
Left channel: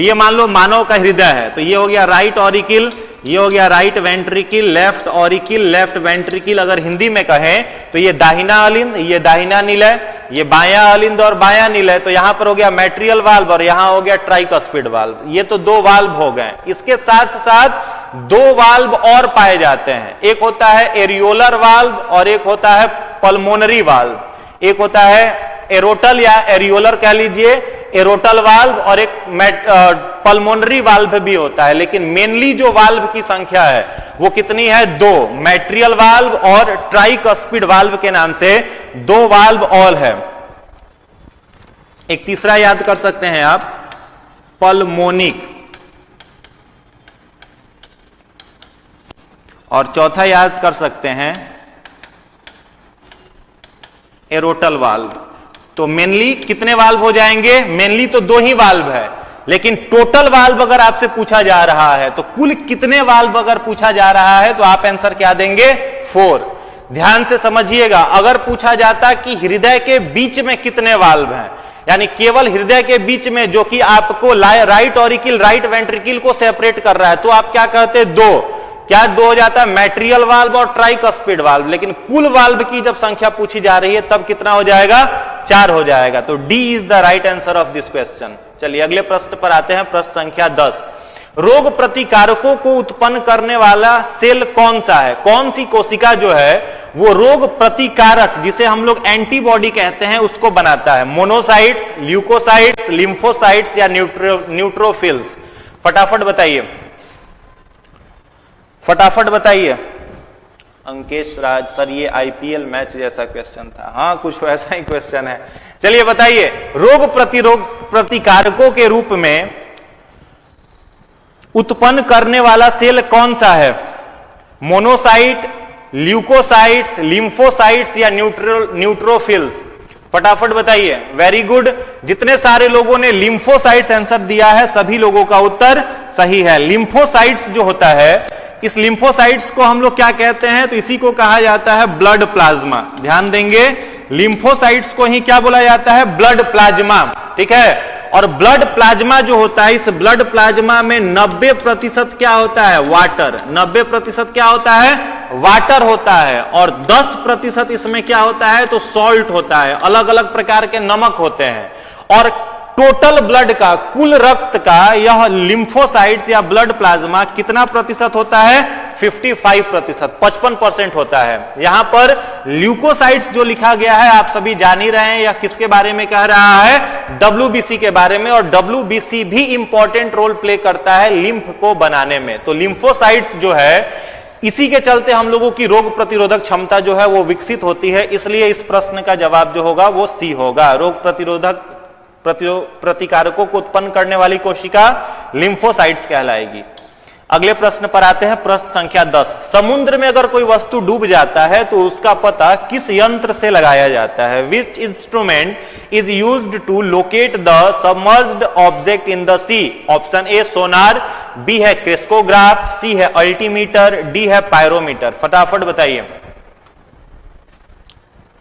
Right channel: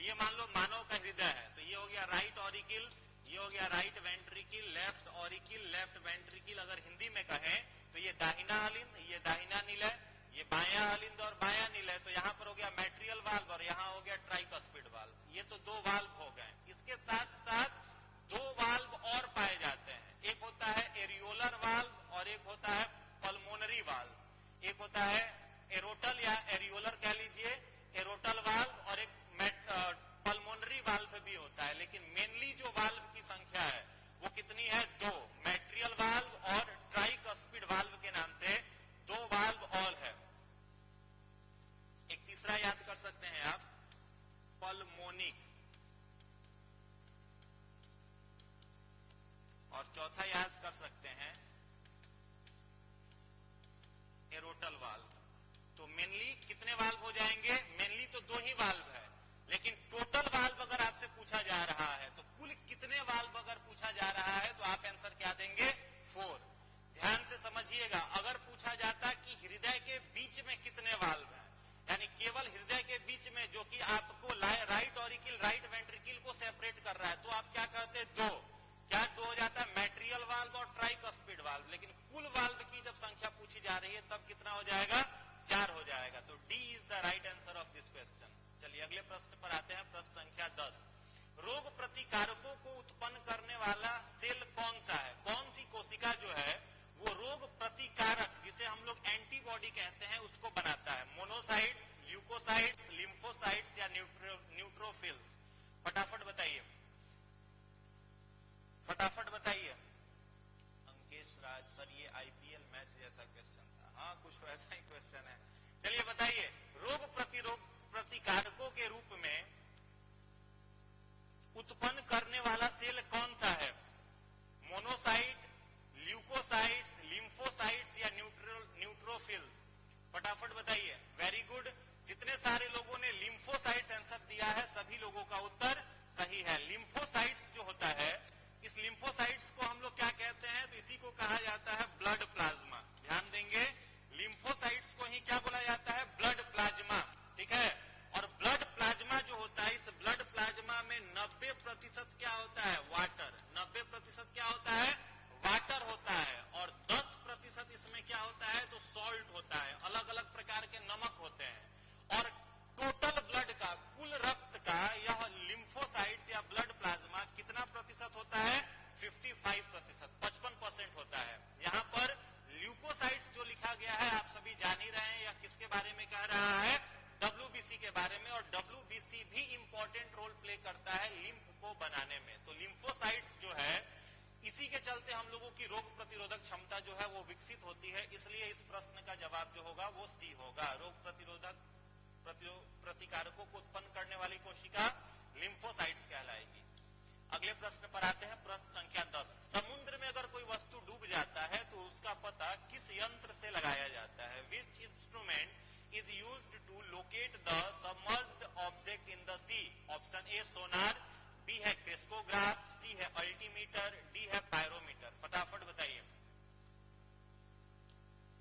ये मान लो मानव का हृदय है, तो ये हो गया राइट ऑरिकिल, ये हो गया right ventricle, left auricle, left ventricle. अगर हिंदी में कहें तो ये दाहिना अलिंद, ये दाहिना निलय, ये बायां अलिंद और बायां निलय। तो यहां पर हो गया मैट्रियल वाल्व और यहां हो गया ट्राइकस्पिड वाल्व। ये तो 2 वाल्व हो गए। इसके साथ साथ 2 वाल्व और पाए जाते हैं। एक होता है एरियोलर वाल्व और एक होता है पल्मोनरी वाल्व। एक होता है एरोटल या एरियोलर कह लीजिए, एरोटल वाल्व, और एक पल्मोनरी वाल्व भी होता है। लेकिन मेनली जो वाल्व की संख्या है वो कितनी है? 2। मैट्रियल वाल्व और ट्राइकस्पिड वाल्व के नाम से 2 वाल्व और है। एक तीसरा याद कर सकते हैं आप, पल्मोनिक, और चौथा याद कर सकते हैं एरोटल वाल्व। तो मेनली कितने वाल्व हो जाएंगे? मेनली तो 2 ही वाल्व है, लेकिन टोटल वाल्व अगर आपसे पूछा जा रहा है तो कुल कितने वाल्व अगर पूछा जा रहा है तो आप आंसर क्या देंगे? 4। ध्यान से समझिएगा, अगर पूछा जाता कि हृदय के बीच में कितने वाल्व हैं, यानी केवल हृदय के बीच में जो कि आपको राइट ऑरिकल राइट वेंट्रिकल को सेपरेट कर रहा है, तो आप क्या कहते? 2। क्या 2 हो जाता है? मैट्रियल वाल्व और ट्राइकस्पिड वाल्व। लेकिन कुल वाल्व की जब संख्या पूछी जा रही है तब कितना हो जाएगा? 4 हो जाएगा। तो D is the right answer of this question. चलिए अगले प्रश्न पर आते हैं, प्रश्न संख्या 10। रोग प्रतिकारकों को उत्पन्न करने वाला सेल कौन सा है? कौन सी कोशिका जो है वो रोग प्रतिकारक, जिसे हम लोग एंटीबॉडी कहते हैं, उसको बनाता है? मोनोसाइट्स, ल्यूकोसाइट्स, लिम्फोसाइट्स या न्यूट्रोफिल्स? फटाफट बताइए, फटाफट बताइए। अंकेश राज सर, ये आईपीएल मैच जैसा क्वेश्चन था। हाँ, कुछ वैसा ही क्वेश्चन है। चलिए बताइए, रोग प्रतिकारकों के रूप में उत्पन्न करने वाला सेल कौन सा है? मोनोसाइट, ल्यूकोसाइट्स, लिम्फोसाइट्स या न्यूट्रोफिल्स? फटाफट बताइए। वेरी गुड, जितने सारे लोगों ने लिम्फोसाइट्स आंसर दिया है सभी लोगों का उत्तर सही है। लिम्फोसाइट्स जो होता है, इस लिम्फोसाइट्स को हम लोग क्या कहते हैं? तो इसी को कहा जाता है ब्लड प्लाज्मा। ध्यान देंगे, लिम्फोसाइट्स को ही क्या बोला जाता है? Blood plasma. ठीक है, और ब्लड प्लाज्मा जो होता है, इस ब्लड प्लाज्मा में 90% क्या होता है? वाटर। 90% क्या होता है? वाटर होता है। और 10% इसमें क्या होता है? तो सॉल्ट होता है, अलग अलग प्रकार के नमक होते हैं। और टोटल ब्लड का, कुल रक्त का यह लिम्फोसाइट्स या ब्लड प्लाज्मा कितना प्रतिशत होता है? 55%, 55% होता है। यहां पर ल्यूकोसाइट्स जो लिखा गया है आप सभी जान ही रहे हैं, यह किसके बारे में कह रहा है? डब्ल्यूबीसी के बारे में। और डब्ल्यूबीसी भी इंपॉर्टेंट रोल प्ले करता है लिम्फ को बनाने में। तो लिम्फोसाइट्स जो है, इसी के चलते हम लोगों की रोग प्रतिरोधक क्षमता जो है वो विकसित होती है। इसलिए इस प्रश्न का जवाब जो होगा वो सी होगा। रोग प्रतिकारकों को उत्पन्न करने वाली कोशिका लिम्फोसाइट्स कहलाएगी। अगले प्रश्न पर आते हैं, प्रश्न संख्या 10। समुद्र में अगर कोई वस्तु डूब जाता है तो उसका पता किस यंत्र से लगाया जाता है? Which instrument is used to locate the submerged object in the sea? Option A sonar, B है क्रेस्कोग्राफ, सी है अल्टीमीटर, डी है पायरोमीटर? फटाफट बताइए,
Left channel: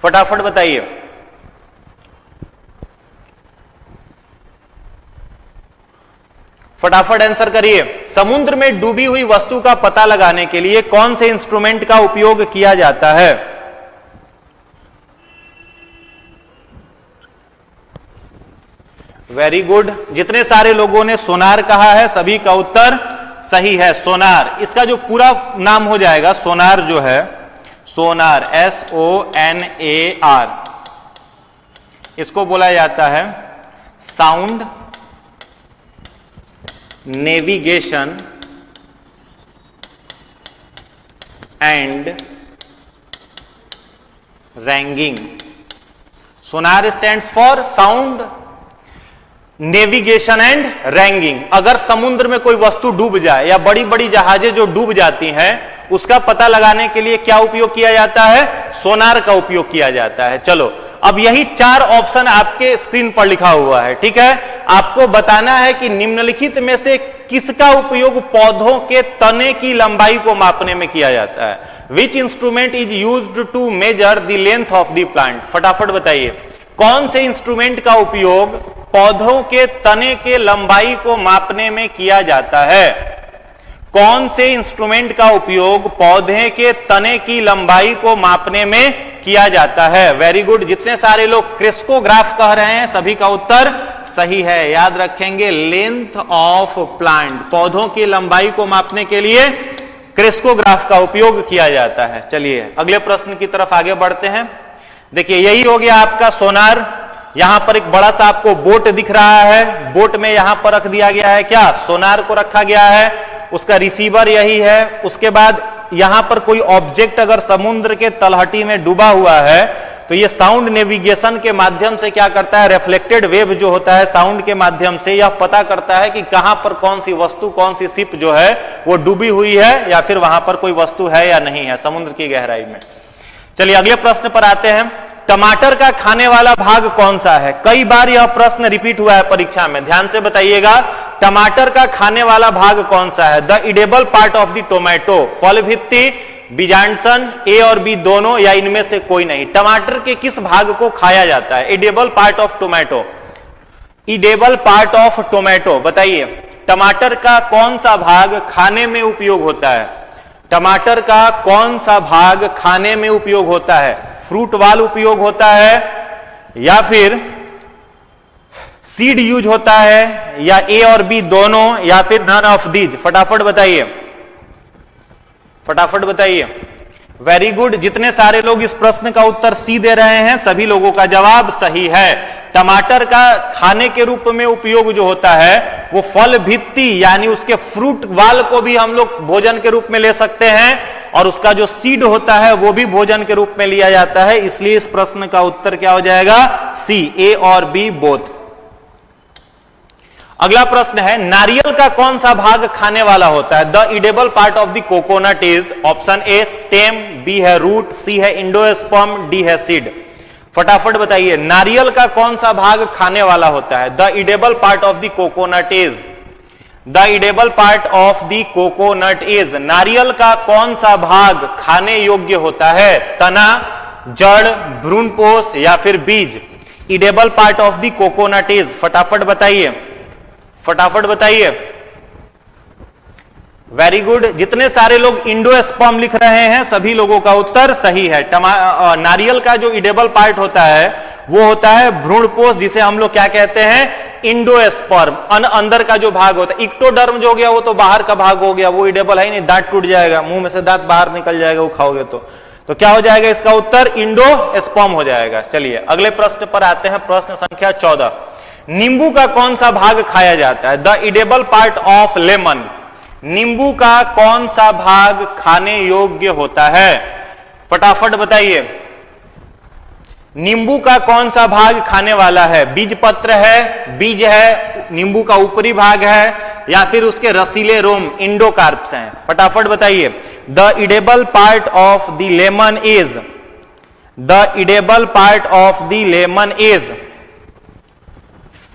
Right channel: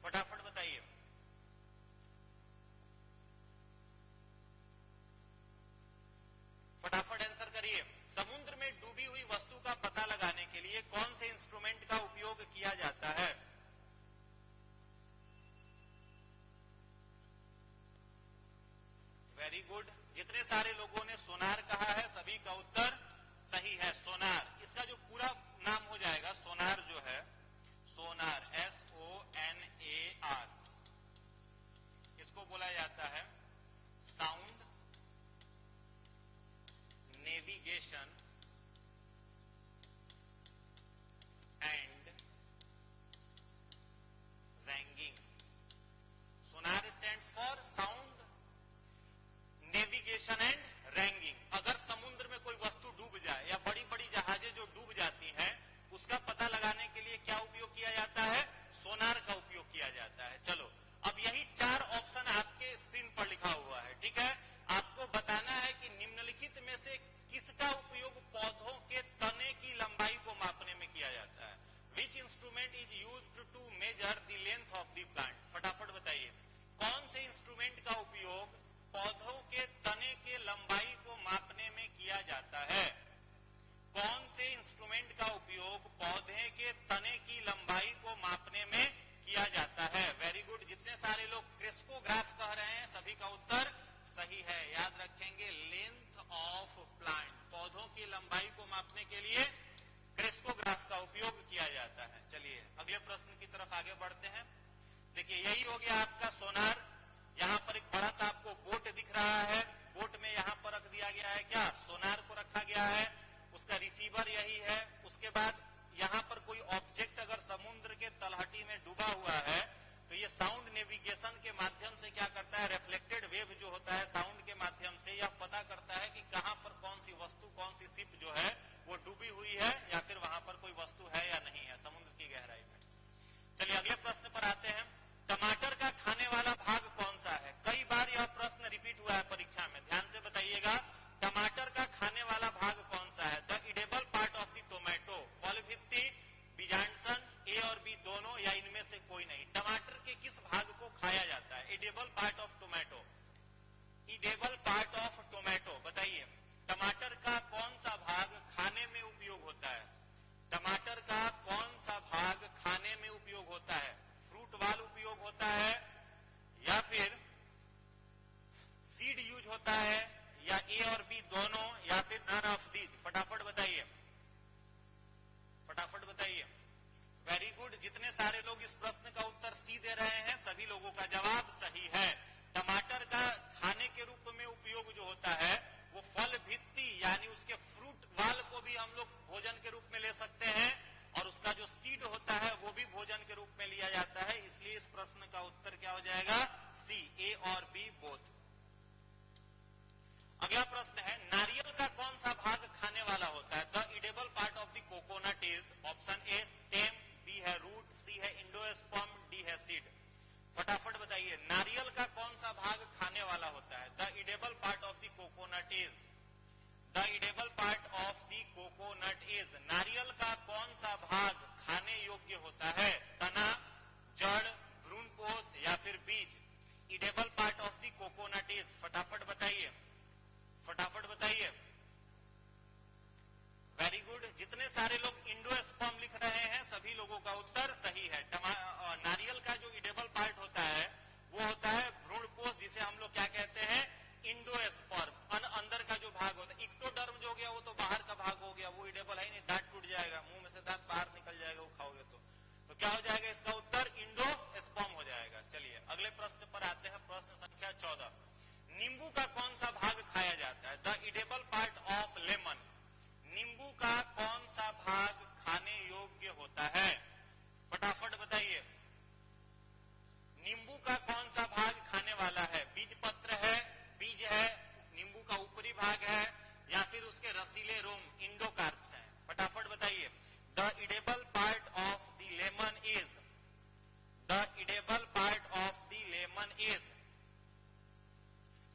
फटाफट बताइए। फटाफट आंसर करिए। समुद्र में डूबी हुई वस्तु का पता लगाने के लिए कौन से इंस्ट्रूमेंट का उपयोग किया जाता है? वेरी गुड, जितने सारे लोगों ने सोनार कहा है सभी का उत्तर सही है। सोनार, इसका जो पूरा नाम हो जाएगा, सोनार जो है, सोनार SONAR, इसको बोला जाता है sound navigation and ragging. Sonar stands for sound navigation and ragging. अगर समुद्र में कोई वस्तु डूब जाए या बड़ी बड़ी जहाजें जो डूब जाती हैं, उसका पता लगाने के लिए क्या उपयोग किया जाता है? सोनार का उपयोग किया जाता है। चलो, अब यही 4 ऑप्शन आपके स्क्रीन पर लिखा हुआ है। ठीक है, आपको बताना है कि निम्नलिखित में से किसका उपयोग पौधों के तने की लंबाई को मापने में किया जाता है? Which instrument is used to measure the length of the plant? फटाफट बताइए, कौन से इंस्ट्रूमेंट का उपयोग पौधों के तने के लंबाई को मापने में किया जाता है? कौन से इंस्ट्रूमेंट का उपयोग पौधे के तने की लंबाई को मापने में किया जाता है? वेरी गुड, जितने सारे लोग क्रेस्कोग्राफ कह रहे हैं सभी का उत्तर सही है। याद रखेंगे, लेंथ ऑफ प्लांट, पौधों की लंबाई को मापने के लिए क्रेस्कोग्राफ का उपयोग किया जाता है। चलिए अगले प्रश्न की तरफ आगे बढ़ते हैं। देखिए, यही हो गया आपका सोनार। यहां पर एक बड़ा सा आपको बोट दिख रहा है, बोट में यहां पर रख दिया गया है क्या? सोनार को रखा गया है, उसका रिसीवर यही है। उसके बाद यहां पर कोई ऑब्जेक्ट अगर समुद्र के तलहटी में डूबा हुआ है तो ये साउंड नेविगेशन के माध्यम से क्या करता है, रिफ्लेक्टेड वेव जो होता है साउंड के माध्यम से यह पता करता है कि कहां पर कौन सी वस्तु, कौन सी शिप जो है वो डूबी हुई है या फिर वहां पर कोई वस्तु है या नहीं है समुद्र की गहराई में। चलिए अगले प्रश्न पर आते हैं। टमाटर का खाने वाला भाग कौन सा है? कई बार यह प्रश्न रिपीट हुआ है परीक्षा में, ध्यान से बताइएगा। टमाटर का खाने वाला भाग कौन सा है? The edible part of the tomato, फल भित्ति, बीजांडसन, ए और बी दोनों या इनमें से कोई नहीं। टमाटर के किस भाग को खाया जाता है? Edible part of tomato, edible part of tomato, बताइए टमाटर का कौन सा भाग खाने में उपयोग होता है? टमाटर का कौन सा भाग खाने में उपयोग होता है? फ्रूट वाल उपयोग होता है या फिर सीड यूज होता है या ए और बी दोनों या फिर नन ऑफ दीज? फटाफट बताइए, फटाफट बताइए। वेरी गुड, जितने सारे लोग इस प्रश्न का उत्तर सी दे रहे हैं सभी लोगों का जवाब सही है। टमाटर का खाने के रूप में उपयोग जो होता है वो फल भित्ति यानी उसके फ्रूट वाल को भी हम लोग भोजन के रूप में ले सकते हैं और उसका जो सीड होता है वो भी भोजन के रूप में लिया जाता है। इसलिए इस प्रश्न का उत्तर क्या हो जाएगा? सी, ए और बी बोथ। अगला प्रश्न है, नारियल का कौन सा भाग खाने वाला होता है? The edible part of the coconut is, option A stem, B है रूट, सी है इंडोस्पर्म, डी है सीड। फटाफट बताइए नारियल का कौन सा भाग खाने वाला होता है? The edible part of the coconut is, the edible part of the coconut is, नारियल का कौन सा भाग खाने योग्य होता है? तना, जड़, भ्रूणपोष या फिर बीज? Edible part of the coconut is, फटाफट बताइए, फटाफट बताइए। वेरी गुड, जितने सारे लोग इंडोस्पर्म लिख रहे हैं सभी लोगों का उत्तर सही है। नारियल का जो इडेबल पार्ट होता है वो होता है भ्रूणपोष, जिसे हम लोग क्या कहते हैं? इंडोस्पर्म। अंदर का जो भाग होता है, इक्टोडर्म जो हो गया वो तो बाहर का भाग हो गया, वो इडेबल है ही नहीं, दांत टूट जाएगा, मुंह में से दांत बाहर निकल जाएगा वो खाओगे तो क्या हो जाएगा इसका उत्तर? इंडोस्पर्म हो जाएगा। चलिए अगले प्रश्न पर आते हैं, प्रश्न संख्या 14। नींबू का कौन सा भाग खाया जाता है? The edible part of lemon, नींबू का कौन सा भाग खाने योग्य होता है? फटाफट बताइए नींबू का कौन सा भाग खाने वाला है? बीज पत्र है, बीज है, नींबू का ऊपरी भाग है या फिर उसके रसीले रोम इंडोकार्प्स हैं? फटाफट बताइए। The edible part of the lemon is, the edible part of the lemon is.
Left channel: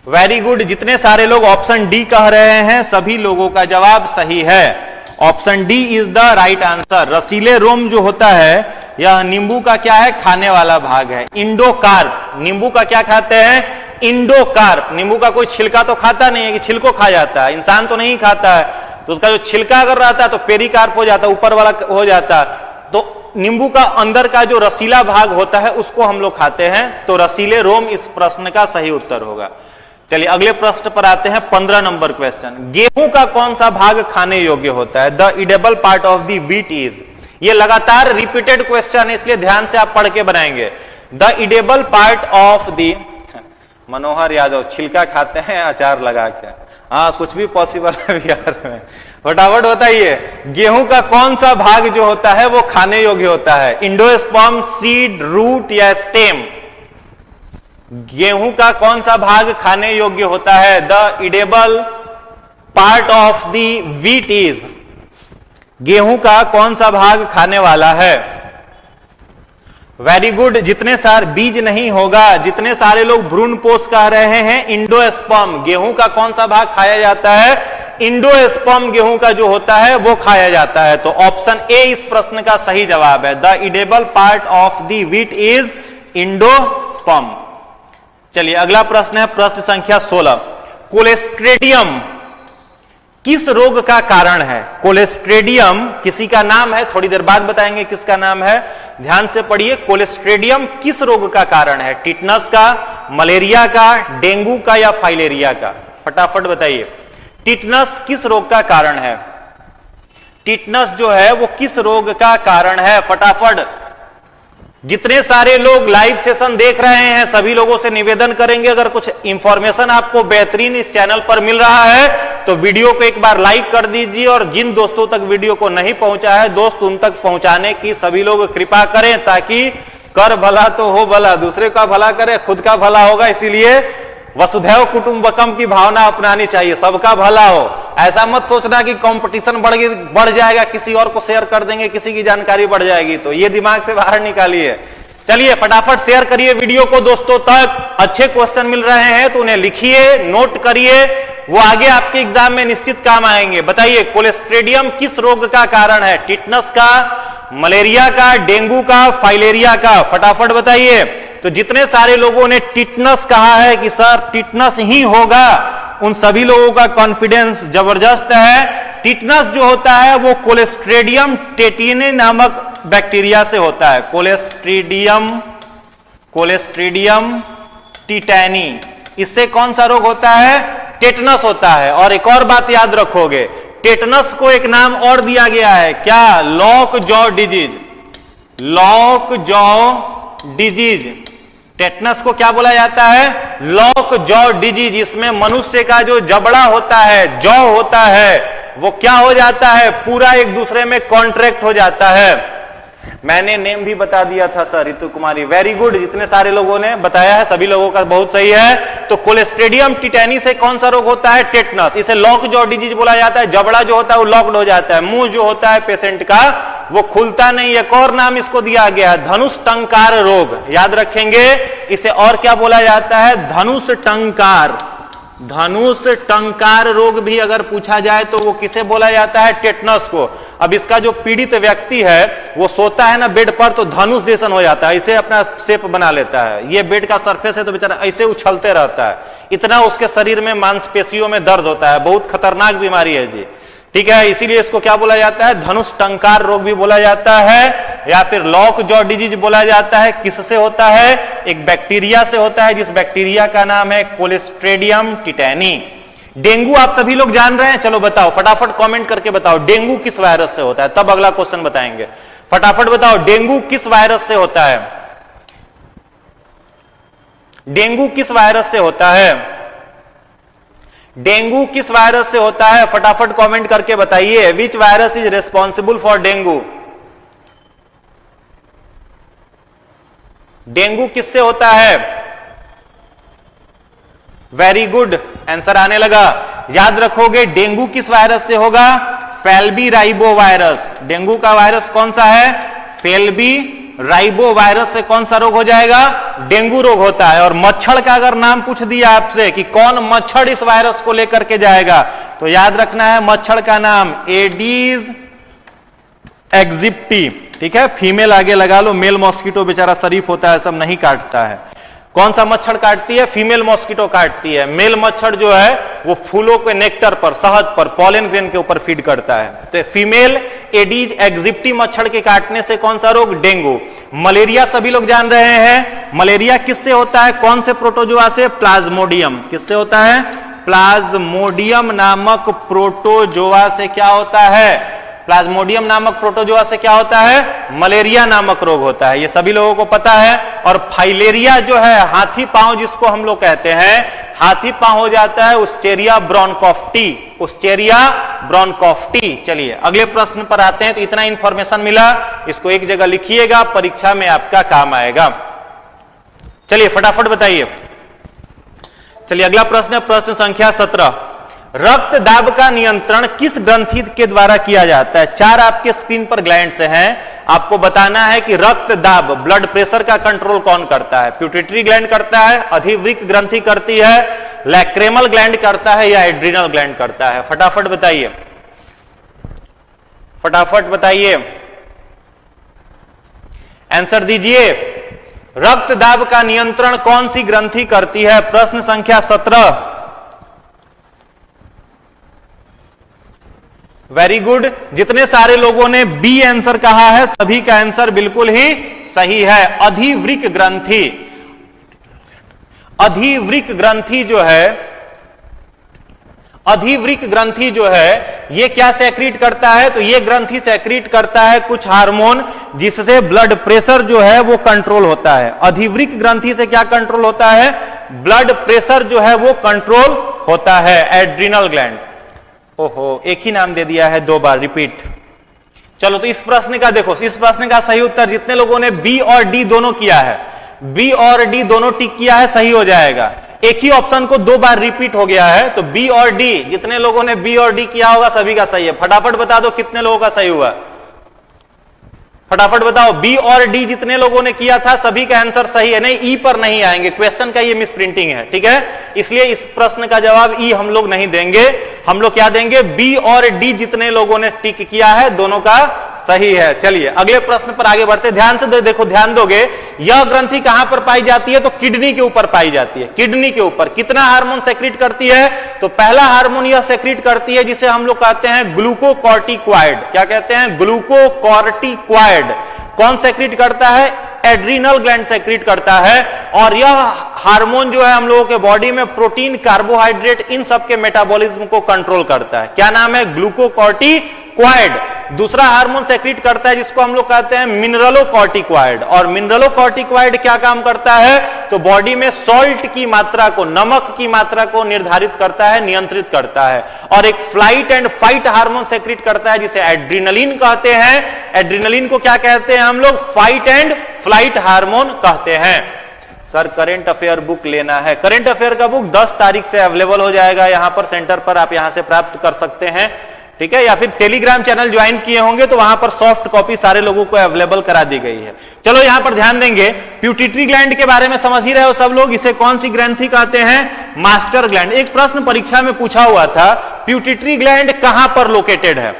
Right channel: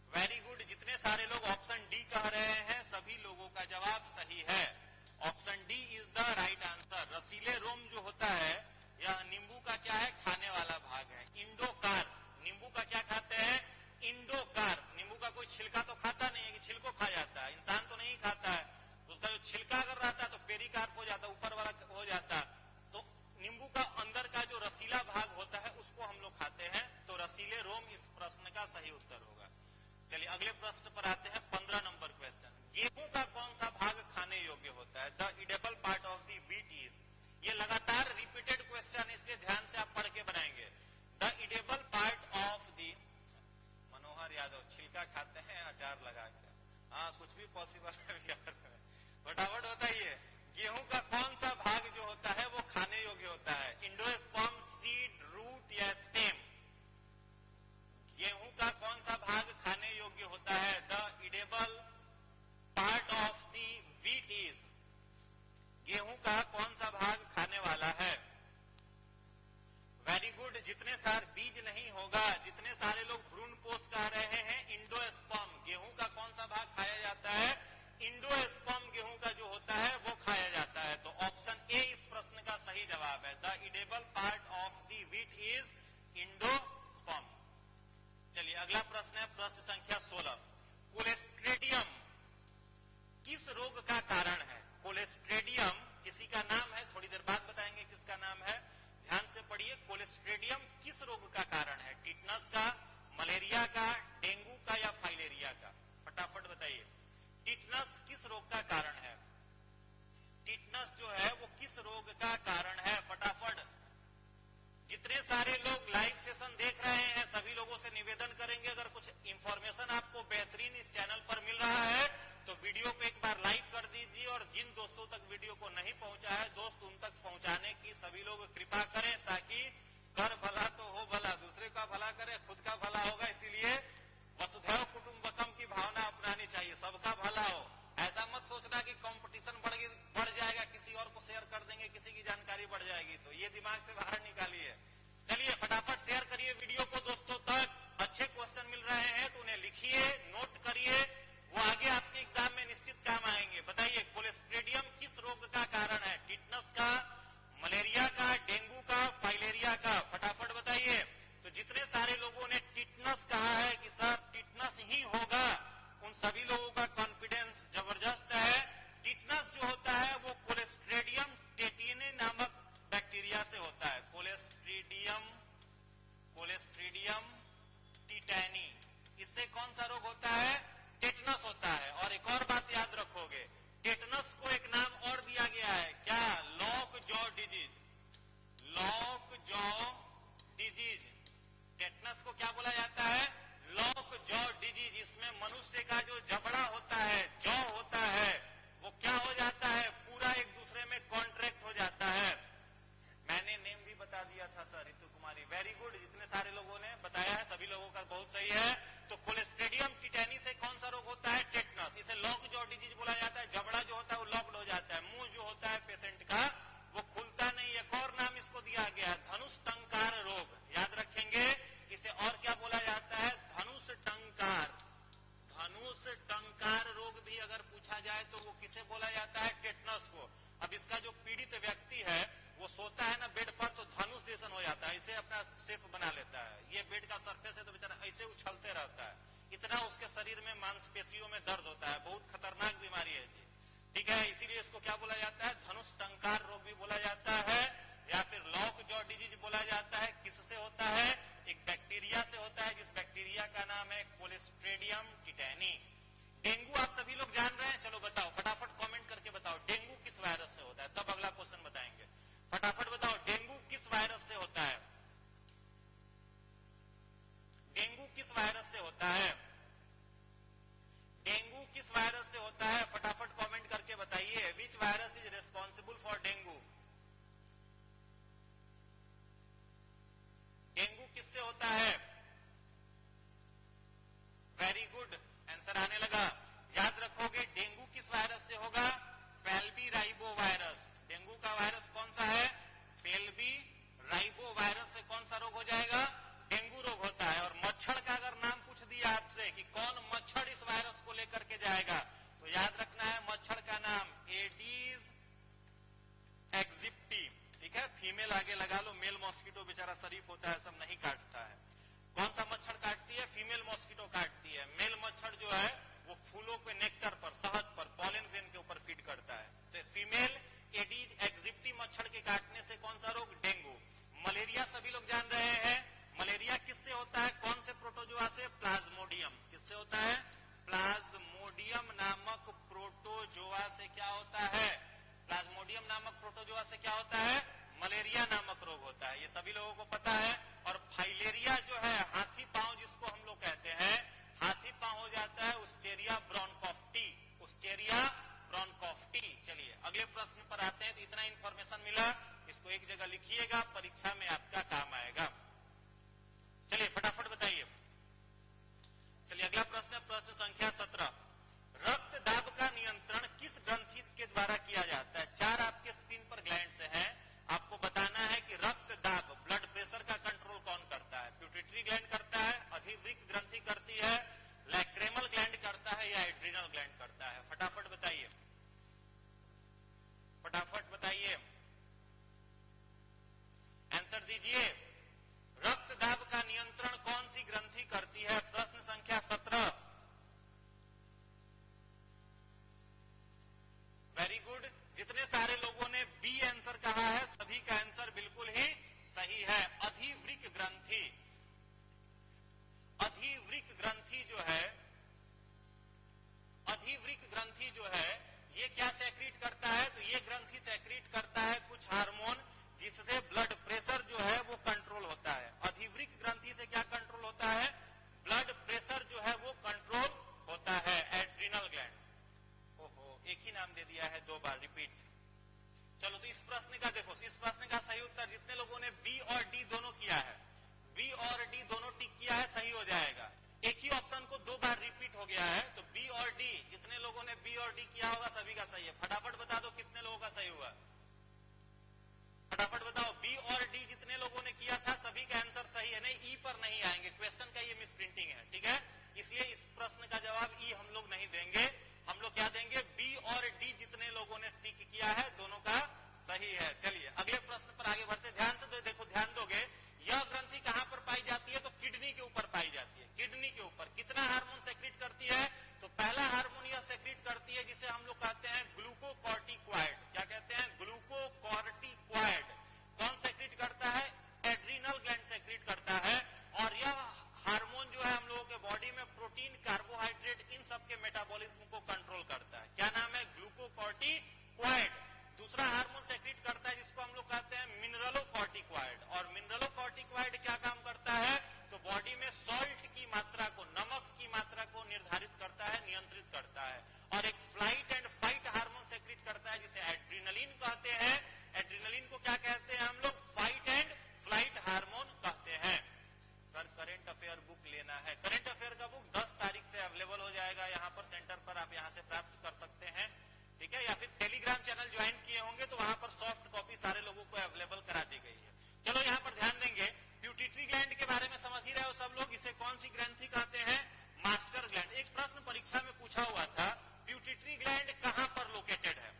Very good, जितने सारे लोग ऑप्शन डी कह रहे हैं सभी लोगों का जवाब सही है। Option D is the right answer. रसीले रोम जो होता है यह नींबू का क्या है? खाने वाला भाग है। इंडोकार्प, नींबू का क्या खाते हैं? इंडोकार्प। नींबू का कोई छिलका तो खाता नहीं है कि छिलको खा जाता है, इंसान तो नहीं खाता है, तो उसका जो छिलका अगर रहता है तो पेरिकार्प हो जाता है, ऊपर वाला हो जाता है। तो नींबू का अंदर का जो रसीला भाग होता है उसको हम लोग खाते हैं, तो रसीले रोम इस प्रश्न का सही उत्तर होगा। चलिए अगले प्रश्न पर आते हैं, 15 नंबर क्वेश्चन। गेहूं का कौन सा भाग खाने योग्य होता है? The edible part of the wheat is. ये लगातार रिपीटेड क्वेश्चन है इसलिए ध्यान से आप पढ़ के बनाएंगे। The edible part of the, Manohar Yadav छिलका खाते हैं अचार लगा के, हाँ कुछ भी पॉसिबल है बिहार में। फटाफट बताइए गेहूं का कौन सा भाग जो होता है वो खाने योग्य होता है? इंडोस्पर्म, सीड, रूट या स्टेम? गेहूं का कौन सा भाग खाने योग्य होता है? The edible part of the wheat is. गेहूं का कौन सा भाग खाने वाला है? वेरी गुड, जितने सारे बीज नहीं होगा, जितने सारे लोग भ्रूणपोष कह रहे हैं इंडोस्पर्म। गेहूं का कौन सा भाग खाया जाता है? इंडोस्पर्म गेहूं का जो होता है वो खाया जाता है। तो ऑप्शन ए इस प्रश्न का सही जवाब है। The edible part of the wheat is endosperm. चलिए अगला प्रश्न है, प्रश्न संख्या 16। कोलेस्ट्रेडियम किस रोग का कारण है? कोलेस्ट्रेडियम किसी का नाम है, थोड़ी देर बाद बताएंगे किसका नाम है, ध्यान से पढ़िए। कोलेस्ट्रेडियम किस रोग का कारण है? टिटनस का, मलेरिया का, डेंगू का या फाइलेरिया का? फटाफट बताइए टिटनस किस रोग का कारण है? टिटनस जो है वो किस रोग का कारण है? फटाफट। जितने सारे लोग लाइव सेशन देख रहे हैं सभी लोगों से निवेदन करेंगे, अगर कुछ इंफॉर्मेशन आपको बेहतरीन इस चैनल पर मिल रहा है तो वीडियो को एक बार लाइक कर दीजिए, और जिन दोस्तों तक वीडियो को नहीं पहुंचा है दोस्त उन तक पहुंचाने की सभी लोग कृपा करें, ताकि कर भला तो हो भला, दूसरे का भला करे खुद का भला होगा। इसीलिए वसुधैव कुटुंबकम की भावना अपनानी चाहिए, सबका भला हो। ऐसा मत सोचना कि कंपटीशन बढ़ जाएगा, किसी और को शेयर कर देंगे, किसी की जानकारी बढ़ जाएगी, तो ये दिमाग से बाहर निकालिए। चलिए फटाफट शेयर करिए वीडियो को दोस्तों तक। अच्छे क्वेश्चन मिल रहे हैं तो उन्हें लिखिए, नोट करिए, वो आगे आपके एग्जाम में निश्चित काम आएंगे। बताइए कोलेस्ट्रेडियम किस रोग का कारण है? टिटनस का, मलेरिया का, डेंगू का, फाइलेरिया का? फटाफट बताइए। तो जितने सारे लोगों ने टिटनस कहा है कि सर टिटनस ही होगा, उन सभी लोगों का कॉन्फिडेंस जबरदस्त है। टिटनस जो होता है वो कोलेस्ट्रेडियम टेटिनी नामक बैक्टीरिया से होता है। कोलेस्ट्रेडियम टिटैनी, इससे कौन सा रोग होता है? टेटनस होता है। और एक और बात याद रखोगे, टेटनस को एक नाम और दिया गया है, क्या? Lock jaw disease. Lock jaw disease, tetanus को क्या बोला जाता है? Lock jaw disease. इसमें मनुष्य का जो जबड़ा होता है, जॉ होता है, वो क्या हो जाता है? पूरा एक दूसरे में कॉन्ट्रैक्ट हो जाता है। मैंने नेम भी बता दिया था sir, Ritu Kumari, very good. जितने सारे लोगों ने बताया है सभी लोगों का बहुत सही है। तो कोलेस्ट्रेडियम टिटैनी से कौन सा रोग होता है? टेटनस। इसे लॉक जॉ डिजीज बोला जाता है। जबड़ा जो होता है वो लॉक्ड हो जाता है, मुंह जो होता है पेशेंट का वो खुलता नहीं। एक और नाम इसको दिया गया है, धनुष टंकार रोग। याद रखेंगे, इसे और क्या बोला जाता है? धनुष टंकार। धनुष टंकार रोग भी अगर पूछा जाए तो वो किसे बोला जाता है? टेटनस को। अब इसका जो पीड़ित व्यक्ति है वो सोता है ना बेड पर, तो धनुष जैसन हो जाता है, इसे अपना शेप बना लेता है। ये बेड का सरफेस है तो बेचारा ऐसे उछलते रहता है, इतना उसके शरीर में मांसपेशियों में दर्द होता है। बहुत खतरनाक बीमारी है जी, ठीक है। इसीलिए इसको क्या बोला जाता है? धनुष टंकार रोग भी बोला जाता है, या फिर लॉक जॉ डिजीज बोला जाता है। किससे होता है? एक बैक्टीरिया से होता है, जिस बैक्टीरिया का नाम है कोलेस्ट्रेडियम टिटैनी। डेंगू आप सभी लोग जान रहे हैं, चलो बताओ फटाफट कमेंट करके बताओ, डेंगू किस वायरस से होता है? तब अगला क्वेश्चन बताएंगे। फटाफट बताओ, डेंगू किस वायरस से होता है? डेंगू किस वायरस से होता है? डेंगू किस वायरस से होता है? फटाफट कमेंट करके बताइए। Which virus is responsible for dengue? Dengue किससे होता है? वेरी गुड, आंसर आने लगा। याद रखोगे डेंगू किस वायरस से होगा? फेल्बी राइबो वायरस। डेंगू का वायरस कौन सा है? फेल्बी राइबो वायरस से कौन सा रोग हो जाएगा? डेंगू रोग होता है। और मच्छर का अगर नाम पूछ दिया आपसे कि कौन मच्छर इस वायरस को लेकर के जाएगा, तो याद रखना है मच्छर का नाम एडीज एग्जिप्टी, ठीक है। फीमेल आगे लगा लो, मेल मॉस्किटो बेचारा शरीफ होता है, सब नहीं काटता है। कौन सा मच्छर काटती है? फीमेल मॉस्किटो काटती है। मेल मच्छर जो है वो फूलों के नेक्टर पर, शहद पर, पॉलन ग्रेन के ऊपर फीड करता है। तो फीमेल एडीज एग्जिप्टी मच्छर के काटने से कौन सा रोग? डेंगू। मलेरिया सभी लोग जान रहे हैं, मलेरिया किससे होता है? कौन से प्रोटोजोआ से? प्लाज्मोडियम। किससे होता है? प्लाज्मोडियम नामक प्रोटोजोआ से क्या होता है? प्लाज्मोडियम नामक प्रोटोजोआ से क्या होता है? मलेरिया नामक रोग होता है। ये सभी लोगों को पता है। और फाइलेरिया जो है, हाथी पांव जिसको हम लोग कहते हैं, हाथी पांव हो जाता है उस्चेरिया ब्रोंकोफ्टी। उस्चेरिया ब्रोंकोफ्टी। चलिए अगले प्रश्न पर आते हैं। तो इतना इंफॉर्मेशन मिला, इसको एक जगह लिखिएगा, परीक्षा में आपका काम आएगा। चलिए फटाफट बताइए। चलिए अगला प्रश्न है प्रश्न संख्या 17। रक्त दाब का नियंत्रण किस ग्रंथि के द्वारा किया जाता है? 4 आपके स्क्रीन पर ग्लैंड्स हैं, आपको बताना है कि रक्त दाब, ब्लड प्रेशर का कंट्रोल कौन करता है? प्यूटिटरी ग्लैंड करता है, अधिवृक्क ग्रंथि करती है, लैक्रेमल ग्लैंड करता है, या एड्रिनल ग्लैंड करता है? फटाफट बताइए, फटाफट बताइए, आंसर दीजिए। रक्त दाब का नियंत्रण कौन सी ग्रंथि करती है? प्रश्न संख्या 17। Very good. जितने सारे लोगों ने बी आंसर कहा है सभी का आंसर बिल्कुल ही सही है। अधिवृक्क ग्रंथि। अधिवृक्क ग्रंथि जो है, अधिवृक्क ग्रंथि जो है ये क्या सेक्रीट करता है? तो ये ग्रंथि सेक्रीट करता है कुछ हार्मोन जिससे ब्लड प्रेशर जो है वो कंट्रोल होता है। अधिवृक्क ग्रंथि से क्या कंट्रोल होता है? ब्लड प्रेशर जो है वो कंट्रोल होता है। Adrenal gland. ओहो, एक ही नाम दे दिया है 2 बार, रिपीट। चलो तो इस प्रश्न का देखो, इस प्रश्न का सही उत्तर जितने लोगों ने बी और डी दोनों किया है, बी और डी दोनों टिक किया है, सही हो जाएगा। एक ही ऑप्शन को 2 बार रिपीट हो गया है, तो बी और डी, जितने लोगों ने बी और डी किया होगा सभी का सही है। फटाफट बता दो कितने लोगों का सही हुआ, फटाफट बताओ। बी और डी जितने लोगों ने किया था सभी का आंसर सही है। नहीं, ई पर नहीं आएंगे, क्वेश्चन का ये मिस प्रिंटिंग है, ठीक है, इसलिए इस प्रश्न का जवाब ई हम लोग नहीं देंगे। हम लोग क्या देंगे, बी और डी जितने लोगों ने टिक किया है दोनों का सही है। चलिए अगले प्रश्न पर आगे बढ़ते, ध्यान से देखो, ध्यान दोगे। यह ग्रंथि कहां पर पाई जाती है, तो किडनी के ऊपर पाई जाती है। किडनी के ऊपर कितना हार्मोन सेक्रेट करती है, तो पहला हार्मोन यह सेक्रेट करती है जिसे हम लोग कहते हैं ग्लूकोकॉर्टिकॉइड। क्या कहते हैं, ग्लूकोकॉर्टिकॉइड। कौन सेक्रेट करता है, एड्रीनल ग्लैंड सेक्रेट करता है। और यह हार्मोन जो है हम लोगों के बॉडी में प्रोटीन, कार्बोहाइड्रेट, इन सब के मेटाबॉलिज्म को कंट्रोल करता है। क्या नाम है, ग्लूकोकॉर्टिकॉइड। दूसरा हार्मोन सेक्रेट करता है जिसको हम लोग कहते हैं मिनरलोकॉर्टिकॉइड। और मिनरलोकॉर्टिकॉइड क्या काम करता है, तो बॉडी में सॉल्ट की मात्रा को, नमक की मात्रा को निर्धारित करता है, नियंत्रित करता है। और एक flight and fight hormone secret करता है जिसे एड्रिनलिन कहते हैं। एड्रिनलिन को क्या कहते हैं हम लोग, फाइट एंड फ्लाइट हार्मोन कहते हैं। सर करंट अफेयर बुक लेना है, करंट अफेयर का बुक 10 तारीख से अवेलेबल हो जाएगा यहां पर सेंटर पर, आप यहां से प्राप्त कर सकते हैं, ठीक है। या फिर टेलीग्राम चैनल ज्वाइन किए होंगे तो वहां पर सॉफ्ट कॉपी सारे लोगों को अवेलेबल करा दी गई है। चलो यहां पर ध्यान देंगे, प्यूटिटरी ग्लैंड के बारे में समझ ही रहे हो सब लोग, इसे कौन सी ग्रंथि कहते हैं, मास्टर ग्लैंड। एक प्रश्न परीक्षा में पूछा हुआ था, प्यूटिटरी ग्लैंड कहां पर लोकेटेड है,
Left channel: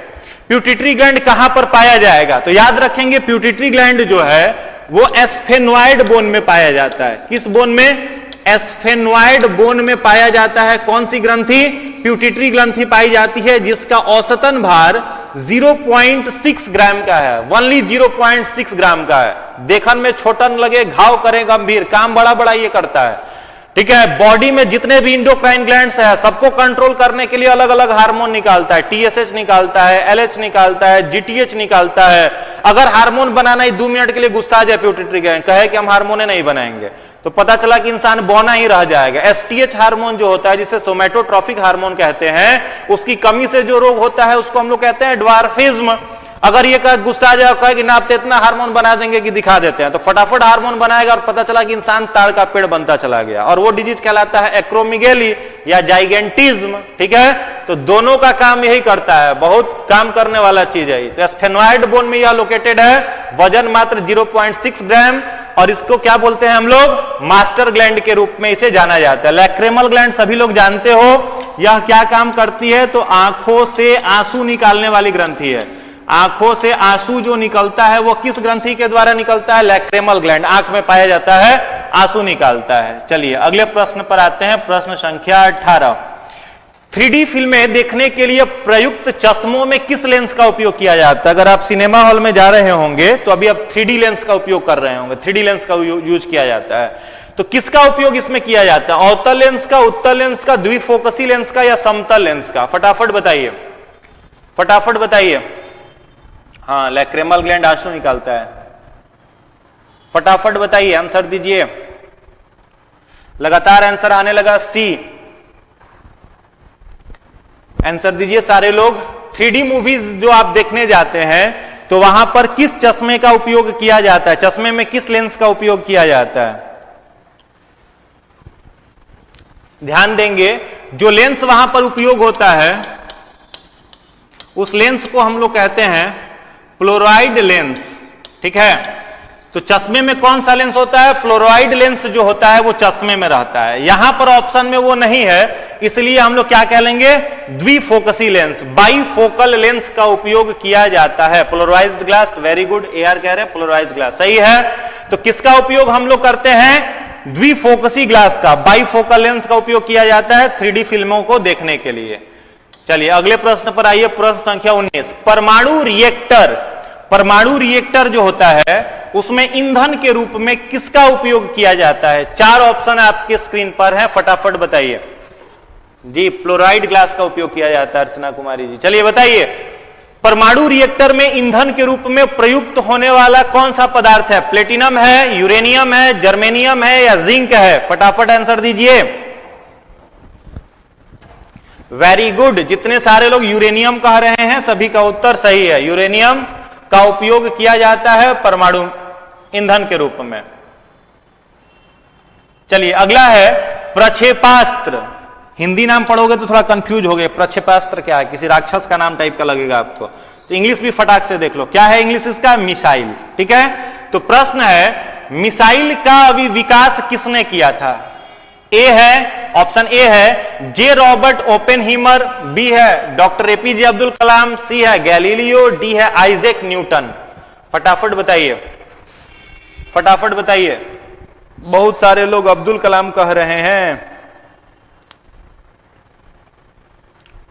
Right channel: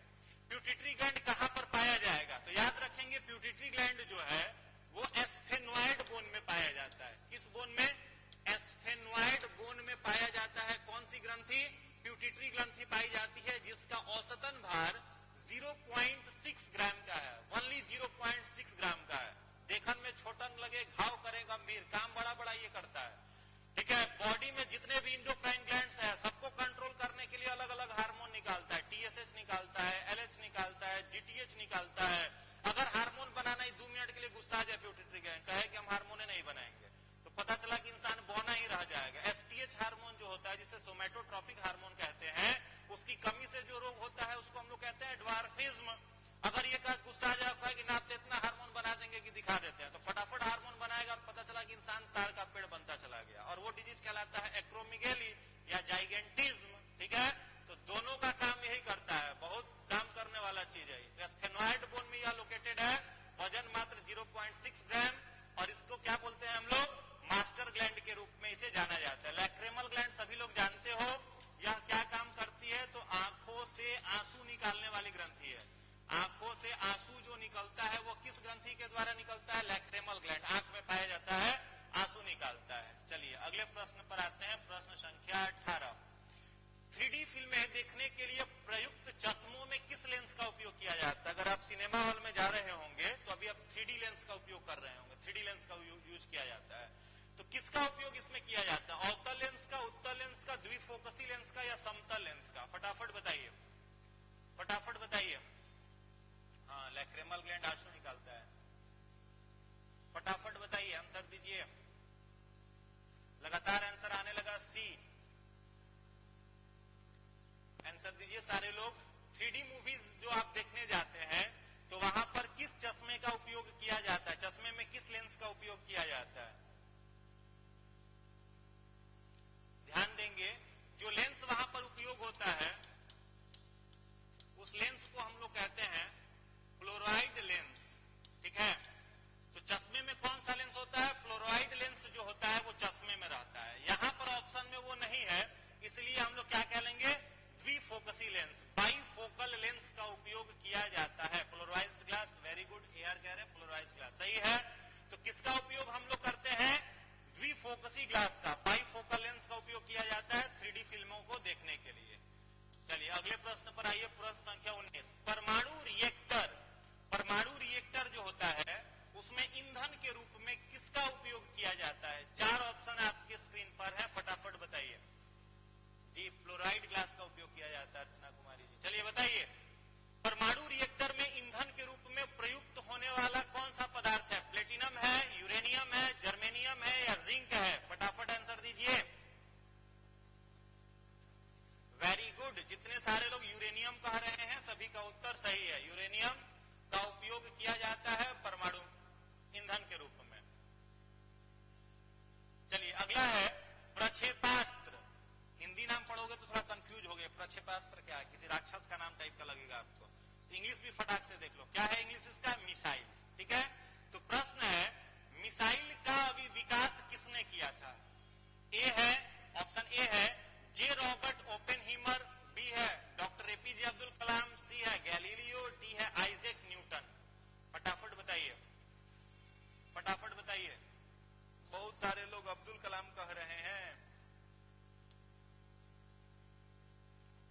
प्यूटिटरी ग्लैंड कहां पर पाया जाएगा, तो याद रखेंगे प्यूटिटरी ग्लैंड जो है वो एस्फेनॉइड बोन में पाया जाता है। किस बोन में, एस्फेनॉइड बोन में पाया जाता है। कौन सी ग्रंथि, प्यूटिटरी ग्रंथि पाई जाती है जिसका औसतन भार 0.6 ग्राम का है, ओनली 0.6 ग्राम का है। देखन में छोटा न लगे, घाव करे गंभीर, काम बड़ा बड़ा ये करता है, ठीक है। बॉडी में जितने भी इंडोक्राइन ग्लैंड्स है सबको कंट्रोल करने के लिए अलग अलग हार्मोन निकालता है, टीएसएच निकालता है, एलएच निकालता है, जीटीएच निकालता है। अगर हार्मोन बनाना ही 2 मिनट के लिए गुस्सा आ जाए प्यूटिटरी ग्लैंड, कहे कि हम हार्मोन नहीं बनाएंगे, तो पता चला कि इंसान बौना ही रह जाएगा। एसटीएच हार्मोन जो होता है जिसे सोमैटोट्रॉफिक हार्मोन कहते हैं, उसकी कमी से जो रोग होता है उसको हम लोग कहते हैं ड्वार्फिज्म। अगर ये गुस्सा आ जाए, कहे कि ना आप तो इतना हार्मोन बना देंगे कि दिखा देते हैं, तो फटाफट हार्मोन बनाएगा और पता चला कि इंसान ताड़ का पेड़ बनता चला गया, और वो डिजीज कहलाता है एक्रोमिगेली या जाइगेंटिज्म, ठीक है। तो दोनों का काम यही करता है, बहुत काम करने वाला चीज है। तो एस्फेनॉइड बोन में यह लोकेटेड है, वजन मात्र 0.6 ग्राम, और इसको क्या बोलते हैं हम लोग, मास्टर ग्लैंड के रूप में इसे जाना जाता है। लैक्रेमल ग्लैंड सभी लोग जानते हो, यह क्या काम करती है, तो आंखों से आंसू निकालने वाली ग्रंथि है। आंखों से आंसू जो निकलता है वो किस ग्रंथि के द्वारा निकलता है, लैक्रेमल ग्लैंड, आंख में पाया जाता है, आंसू निकालता है। चलिए अगले प्रश्न पर आते हैं, प्रश्न संख्या 18। 3D फिल्में देखने के लिए प्रयुक्त चश्मों में किस लेंस का उपयोग किया जाता है। अगर आप सिनेमा हॉल में जा रहे होंगे तो अभी आप 3D लेंस का उपयोग कर रहे होंगे, 3D लेंस का यूज किया जाता है। तो किसका उपयोग इसमें किया जाता है, अवतल लेंस का, उत्तल लेंस का, द्विफोकसी लेंस का, या समतल लेंस का, फटाफट बताइए, फटाफट बताइए। हाँ, लैक्रेमल ग्लैंड आंसू निकालता है, फटाफट बताइए, आंसर दीजिए। लगातार आंसर आने लगा, सी। आंसर दीजिए सारे लोग। 3D मूवीज जो आप देखने जाते हैं तो वहां पर किस चश्मे का उपयोग किया जाता है, चश्मे में किस लेंस का उपयोग किया जाता है, ध्यान देंगे। जो लेंस वहां पर उपयोग होता है उस लेंस को हम लोग कहते हैं फ्लोराइड लेंस, ठीक है। तो चश्मे में कौन सा लेंस होता है, फ्लोराइड लेंस जो होता है वो चश्मे में रहता है। यहां पर ऑप्शन में वो नहीं है, इसलिए हम लोग क्या कह लेंगे, द्विफोकसी लेंस, बाईफोकल लेंस का उपयोग किया जाता है। Polarised glass, very good, AR कह रहे हैं पोलराइज्ड ग्लास, सही है। तो किसका उपयोग हम लोग करते हैं, द्विफोकसी ग्लास का, बाईफोकल लेंस का उपयोग किया जाता है 3D फिल्मों को देखने के लिए। चलिए अगले प्रश्न पर आइए, प्रश्न संख्या 19। परमाणु रिएक्टर, परमाणु रिएक्टर जो होता है उसमें ईंधन के रूप में किसका उपयोग किया जाता है। 4 ऑप्शन आपके स्क्रीन पर है, फटाफट बताइए जी। फ्लोराइड ग्लास का उपयोग किया जाता है, अर्चना कुमारी जी, चलिए बताइए। परमाणु रिएक्टर में ईंधन के रूप में प्रयुक्त होने वाला कौन सा पदार्थ है, प्लेटिनम है, यूरेनियम है, जर्मेनियम है, या जिंक है, फटाफट आंसर दीजिए। वेरी गुड, जितने सारे लोग यूरेनियम कह रहे हैं सभी का उत्तर सही है, यूरेनियम। का उपयोग किया जाता है परमाणु ईंधन के रूप में। चलिए अगला है प्रक्षेपास्त्र। हिंदी नाम पढ़ोगे तो थोड़ा कंफ्यूज हो गए, प्रक्षेपास्त्र क्या है, किसी राक्षस का नाम टाइप का लगेगा आपको, तो इंग्लिश भी फटाक से देख लो क्या है इंग्लिश इसका, मिसाइल। ठीक है, तो प्रश्न है मिसाइल का अभी विकास किसने किया था? ए है, ऑप्शन ए है जे रॉबर्ट ओपेनहीमर, बी है डॉक्टर एपीजे अब्दुल कलाम, सी है गैलीलियो, डी है आइजैक न्यूटन। फटाफट बताइए, फटाफट बताइए। बहुत सारे लोग अब्दुल कलाम कह रहे हैं।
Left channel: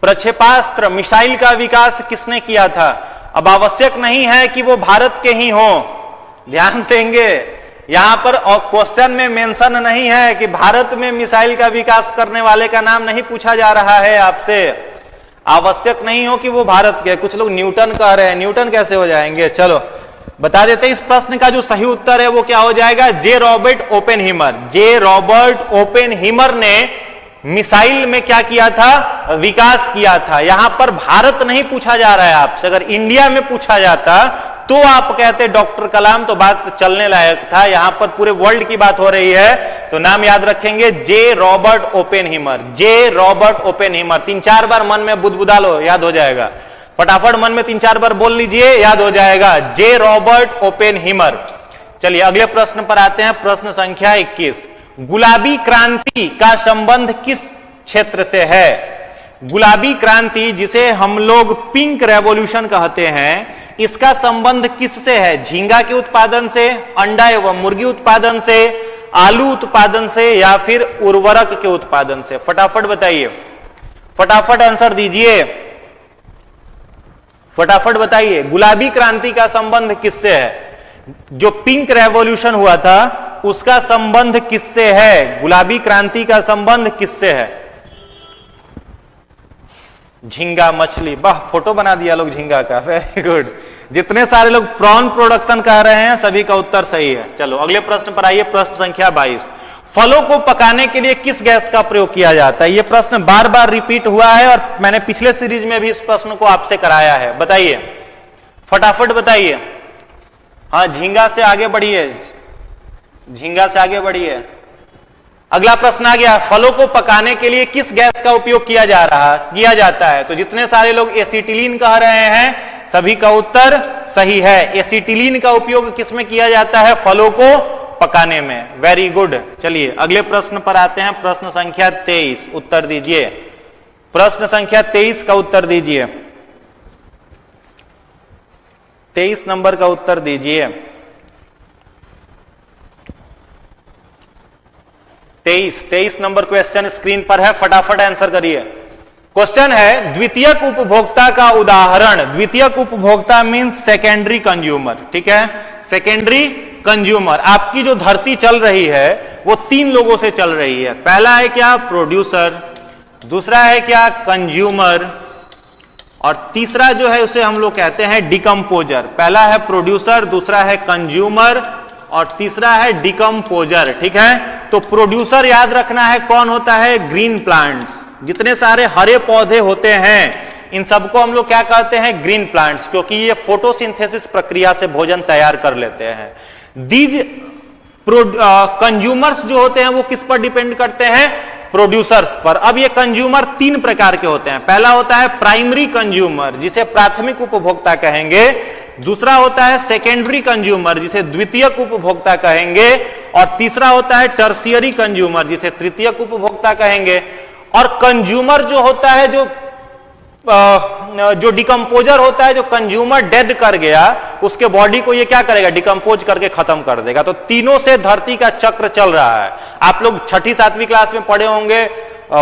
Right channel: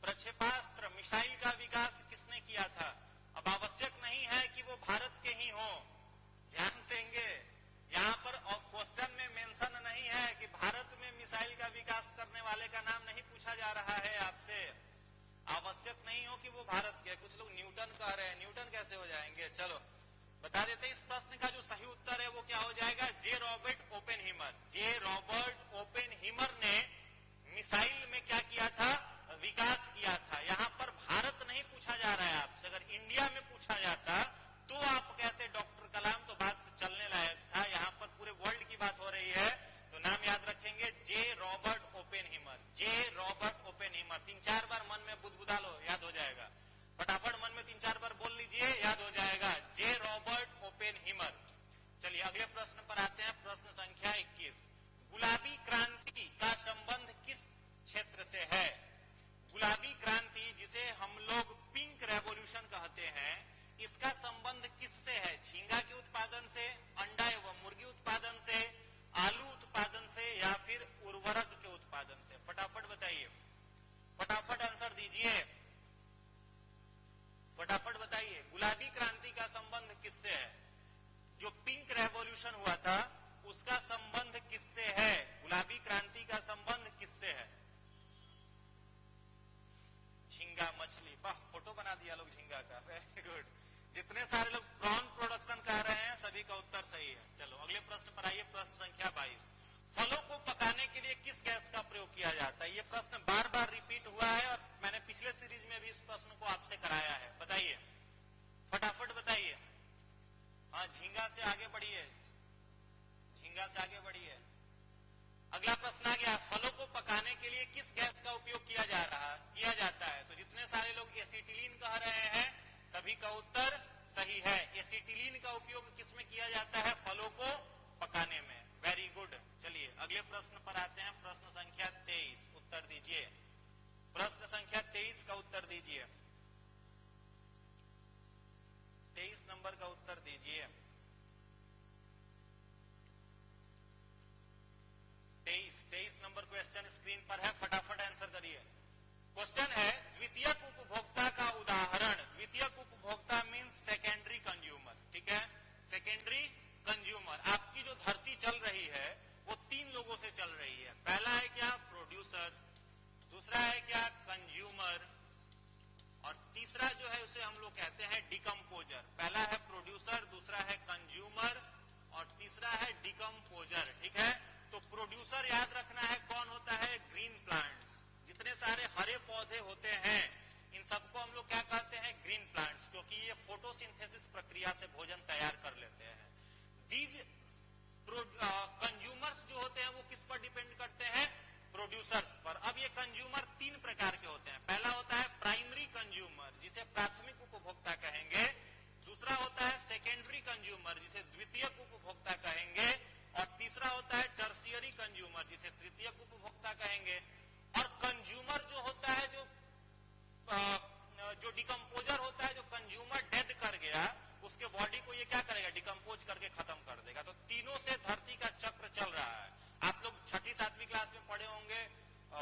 प्रक्षेपास्त्र मिसाइल का विकास किसने किया था? अब आवश्यक नहीं है कि वो भारत के ही हो, ध्यान देंगे यहां पर क्वेश्चन में मेंशन नहीं है कि भारत में मिसाइल का विकास करने वाले का नाम नहीं पूछा जा रहा है आपसे। आवश्यक नहीं हो कि वो भारत के, कुछ लोग न्यूटन कह रहे हैं, न्यूटन कैसे हो जाएंगे? चलो बता देते हैं, इस प्रश्न का जो सही उत्तर है वो क्या हो जाएगा, जे रॉबर्ट ओपेनहीमर। जे रॉबर्ट ओपेनहीमर ने मिसाइल में क्या किया था, विकास किया था। यहां पर भारत नहीं पूछा जा रहा है आपसे, अगर इंडिया में पूछा जाता तो आप कहते डॉक्टर कलाम, तो बात चलने लायक था। यहां पर पूरे वर्ल्ड की बात हो रही है, तो नाम याद रखेंगे जे रॉबर्ट ओपेनहीमर। जे रॉबर्ट ओपेनहीमर 3-4 बार मन में बुदबुदा लो, याद हो जाएगा। फटाफट मन में 3-4 बार बोल लीजिए, याद हो जाएगा, जे रॉबर्ट ओपेनहीमर। चलिए अगले प्रश्न पर आते हैं, प्रश्न संख्या 21। गुलाबी क्रांति का संबंध किस क्षेत्र से है? गुलाबी क्रांति जिसे हम लोग पिंक रेवोल्यूशन कहते हैं, इसका संबंध किससे है? झींगा के उत्पादन से, अंडा एवं मुर्गी उत्पादन से, आलू उत्पादन से, या फिर उर्वरक के उत्पादन से? फटाफट बताइए, फटाफट आंसर दीजिए, फटाफट बताइए। गुलाबी क्रांति का संबंध किससे है? जो पिंक रेवोल्यूशन हुआ था उसका संबंध किससे है? गुलाबी क्रांति का संबंध किससे है? झींगा मछली, वाह फोटो बना दिया लोग झींगा का, वेरी गुड। जितने सारे लोग प्रॉन प्रोडक्शन कह रहे हैं सभी का उत्तर सही है। चलो अगले प्रश्न पर आइए, प्रश्न संख्या 22। फलों को पकाने के लिए किस गैस का प्रयोग किया जाता है? यह प्रश्न बार बार रिपीट हुआ है और मैंने पिछले सीरीज में भी इस प्रश्न को आपसे कराया है। बताइए, फटाफट बताइए। हाँ झींगा से आगे बढ़िए, झींगा से आगे बढ़िए। अगला प्रश्न आ गया, फलों को पकाने के लिए किस गैस का उपयोग किया जाता है? तो जितने सारे लोग एसिटिलीन कह रहे हैं सभी का उत्तर सही है। एसिटिलीन का उपयोग किसमें किया जाता है? फलों को पकाने में। Very good. चलिए अगले प्रश्न पर आते हैं, प्रश्न संख्या 23, उत्तर दीजिए। प्रश्न संख्या 23 का उत्तर दीजिए, 23 नंबर का उत्तर दीजिए। 23 नंबर क्वेश्चन स्क्रीन पर है, फटाफट आंसर करिए। क्वेश्चन है द्वितीयक उपभोक्ता का उदाहरण। द्वितीयक उपभोक्ता मींस सेकेंडरी कंज्यूमर, ठीक है, सेकेंडरी कंज्यूमर। आपकी जो धरती चल रही है वो 3 लोगों से चल रही है। पहला है क्या? प्रोड्यूसर, दूसरा है क्या? कंज्यूमर, और तीसरा जो है उसे हम लोग कहते हैं डिकम्पोजर। पहला है प्रोड्यूसर, दूसरा है कंज्यूमर और तीसरा है डिकम्पोजर, ठीक है। तो प्रोड्यूसर याद रखना है कौन होता है? Green plants. जितने सारे हरे पौधे होते हैं इन सबको हम लोग क्या कहते हैं? ग्रीन प्लांट्स, क्योंकि ये फोटोसिंथेसिस प्रक्रिया से भोजन तैयार कर लेते हैं। दीज कंज्यूमर्स जो होते हैं वो किस पर डिपेंड करते हैं? प्रोड्यूसर्स पर। अब ये कंज्यूमर 3 प्रकार के होते हैं। पहला होता है प्राइमरी कंज्यूमर, जिसे प्राथमिक उपभोक्ता कहेंगे। दूसरा होता है सेकेंडरी कंज्यूमर, जिसे द्वितीयक उपभोक्ता कहेंगे। और तीसरा होता है टर्शियरी कंज्यूमर, जिसे तृतीयक उपभोक्ता कहेंगे। और कंज्यूमर जो होता है, जो डिकम्पोजर होता है, जो कंज्यूमर डेड कर गया उसके बॉडी को ये क्या करेगा? डिकम्पोज करके खत्म कर देगा। तो तीनों से धरती का चक्र चल रहा है। आप लोग 6ठी 7वीं क्लास में पढ़े होंगे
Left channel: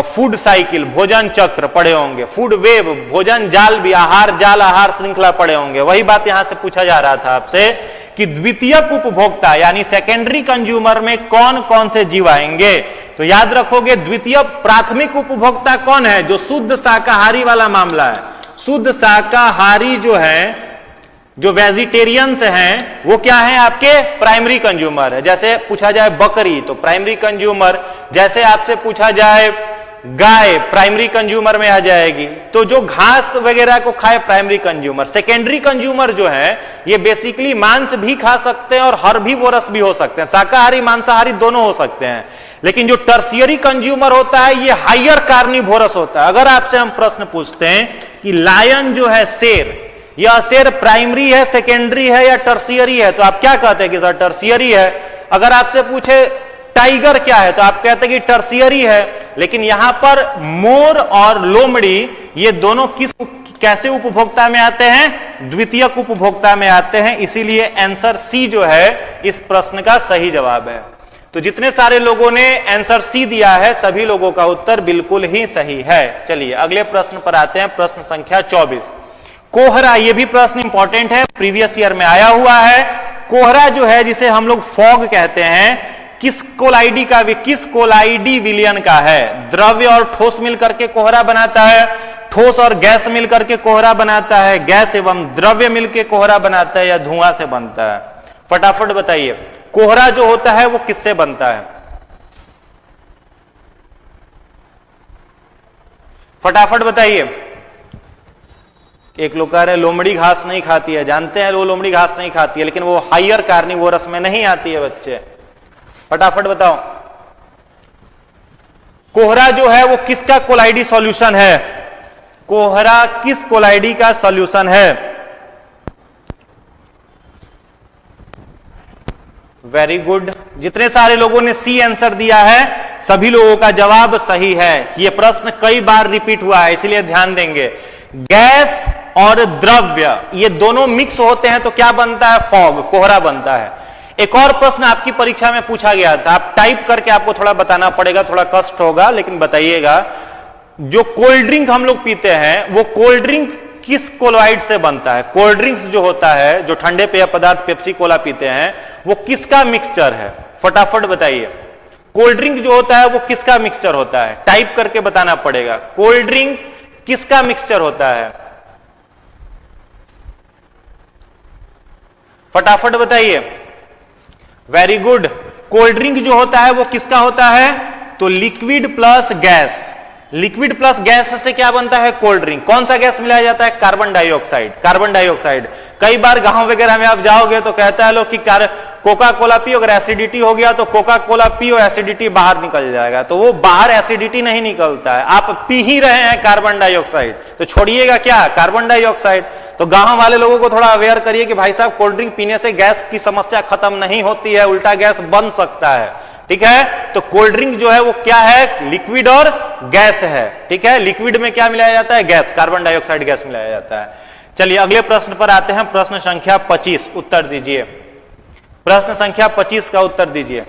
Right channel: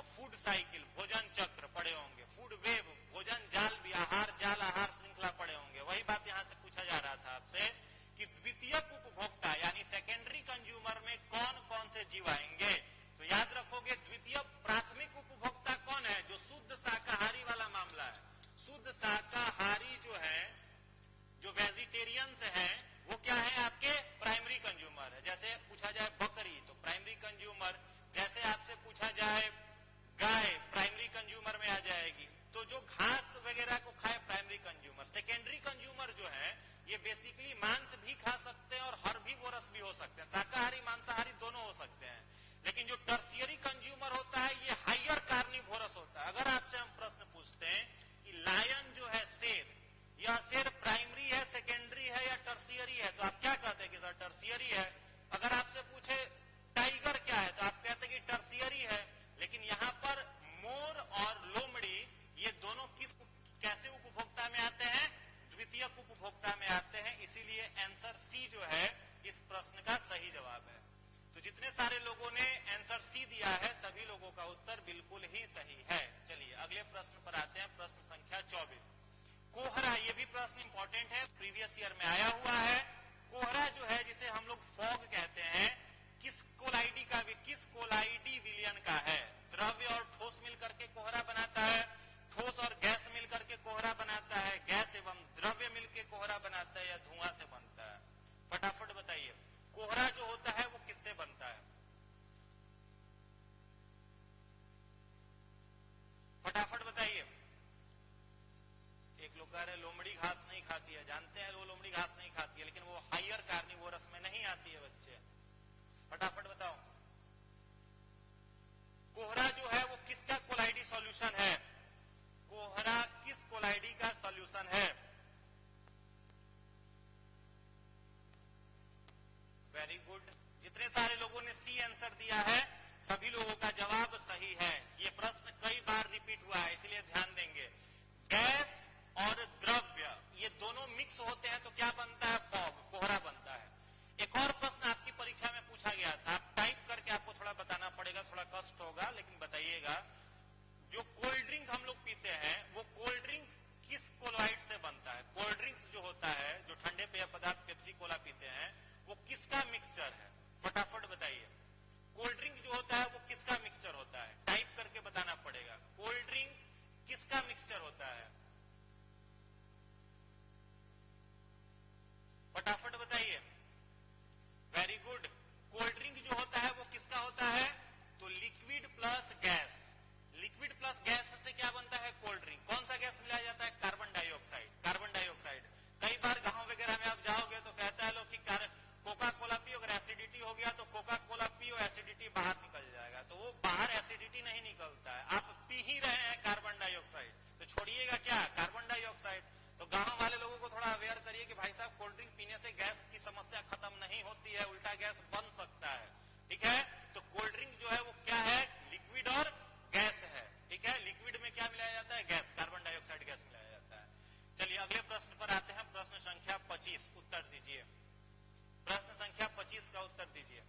फूड साइकिल, भोजन चक्र पढ़े होंगे, फूड वेव, भोजन जाल भी, आहार जाल, आहार श्रृंखला पढ़े होंगे। वही बात यहां से पूछा जा रहा था आपसे कि द्वितीयक उपभोक्ता यानी सेकेंडरी कंज्यूमर में कौन कौन से जीव आएंगे। तो याद रखोगे द्वितीय प्राथमिक उपभोक्ता कौन है? जो शुद्ध शाकाहारी वाला मामला है। शुद्ध शाकाहारी जो है, जो वेजिटेरियंस हैं, वो क्या है? आपके प्राइमरी कंज्यूमर है। जैसे पूछा जाए बकरी तो प्राइमरी कंज्यूमर, जैसे आपसे पूछा जाए गाय प्राइमरी कंज्यूमर में आ जाएगी। तो जो घास वगैरह को खाए प्राइमरी कंज्यूमर। सेकेंडरी कंज्यूमर जो है ये बेसिकली मांस भी खा सकते हैं और हर्बीवोरस भी हो सकते हैं, शाकाहारी मांसाहारी दोनों हो सकते हैं। लेकिन जो टर्शियरी कंज्यूमर होता है ये हायर कार्निवोरस होता है। अगर आपसे हम प्रश्न पूछते हैं कि लायन जो है शेर, यह शेर प्राइमरी है, सेकेंडरी है या टर्शियरी है, तो आप क्या कहते हैं कि सर टर्शियरी है। अगर आपसे पूछे टाइगर क्या है तो आप कहते हैं कि टर्शियरी है। लेकिन यहां पर मोर और लोमड़ी ये दोनों कैसे उपभोक्ता में आते हैं, द्वितीयक उपभोक्ता में आते हैं। इसीलिए आंसर सी जो है इस प्रश्न का सही जवाब है। तो जितने सारे लोगों ने आंसर सी दिया है सभी लोगों का उत्तर बिल्कुल ही सही है। चलिए अगले प्रश्न पर आते हैं, प्रश्न संख्या 24। कोहरा, ये भी प्रश्न इंपॉर्टेंट है, प्रीवियस ईयर में आया हुआ है। कोहरा जो है जिसे हम लोग फॉग कहते हैं, किस कोलाइडी विलियन का है। द्रव्य और ठोस मिलकर के कोहरा बनाता है, ठोस और गैस मिलकर के कोहरा बनाता है, गैस एवं द्रव्य मिलकर कोहरा बनाता है, या धुआं से बनता है। फटाफट बताइए कोहरा जो होता है वो किससे बनता है, फटाफट बताइए। एक लोग कह रहे लोमड़ी घास नहीं खाती है, जानते हैं वो लोमड़ी घास नहीं खाती है, लेकिन वो हायर कार्निवोरस में नहीं आती है बच्चे। फटाफट बताओ कोहरा जो है वो किसका कोलाइडी सॉल्यूशन है, कोहरा किस कोलाइडी का सॉल्यूशन है। वेरी गुड, जितने सारे लोगों ने सी आंसर दिया है सभी लोगों का जवाब सही है। यह प्रश्न कई बार रिपीट हुआ है इसलिए ध्यान देंगे। गैस और द्रव्य ये दोनों मिक्स होते हैं तो क्या बनता है, फॉग, कोहरा बनता है। एक और प्रश्न आपकी परीक्षा में पूछा गया था, आप टाइप करके आपको थोड़ा बताना पड़ेगा, थोड़ा कष्ट होगा लेकिन बताइएगा। जो कोल्ड ड्रिंक हम लोग पीते हैं वो कोल्ड ड्रिंक किस कोलॉइड से बनता है। कोल्ड ड्रिंक्स जो होता है, जो ठंडे पेय पदार्थ पेप्सी कोला पीते हैं, वो किसका मिक्सचर है, फटाफट बताइए। कोल्ड ड्रिंक जो होता है वो किसका मिक्सचर होता है, टाइप करके बताना पड़ेगा। कोल्ड ड्रिंक किसका मिक्सचर होता है, फटाफट बताइए। वेरी गुड, कोल्ड ड्रिंक जो होता है वो किसका होता है, तो liquid plus gas. Liquid plus gas से क्या बनता है, कोल्ड ड्रिंक। कौन सा गैस मिलाया जाता है, कार्बन डाइऑक्साइड। कार्बन डाइऑक्साइड कई बार गांव वगैरह में आप जाओगे तो कहता है लोग कि कोका कोला पियो, अगर एसिडिटी हो गया तो कोका कोला पियो, एसिडिटी बाहर निकल जाएगा। तो वो बाहर एसिडिटी नहीं निकलता है, आप पी ही रहे हैं कार्बन डाइऑक्साइड, तो छोड़िएगा क्या, कार्बन डाइऑक्साइड। तो गांव वाले लोगों को थोड़ा अवेयर करिए कि भाई साहब कोल्ड ड्रिंक पीने से गैस की समस्या खत्म नहीं होती है, उल्टा गैस बन सकता है, ठीक है। तो कोल्ड ड्रिंक जो है वो क्या है, लिक्विड और गैस है, ठीक है। लिक्विड में क्या मिलाया जाता है, गैस, कार्बन डाइऑक्साइड गैस मिलाया जाता है। चलिए अगले प्रश्न पर आते हैं, प्रश्न संख्या 25, उत्तर दीजिए। प्रश्न संख्या 25 का उत्तर दीजिए,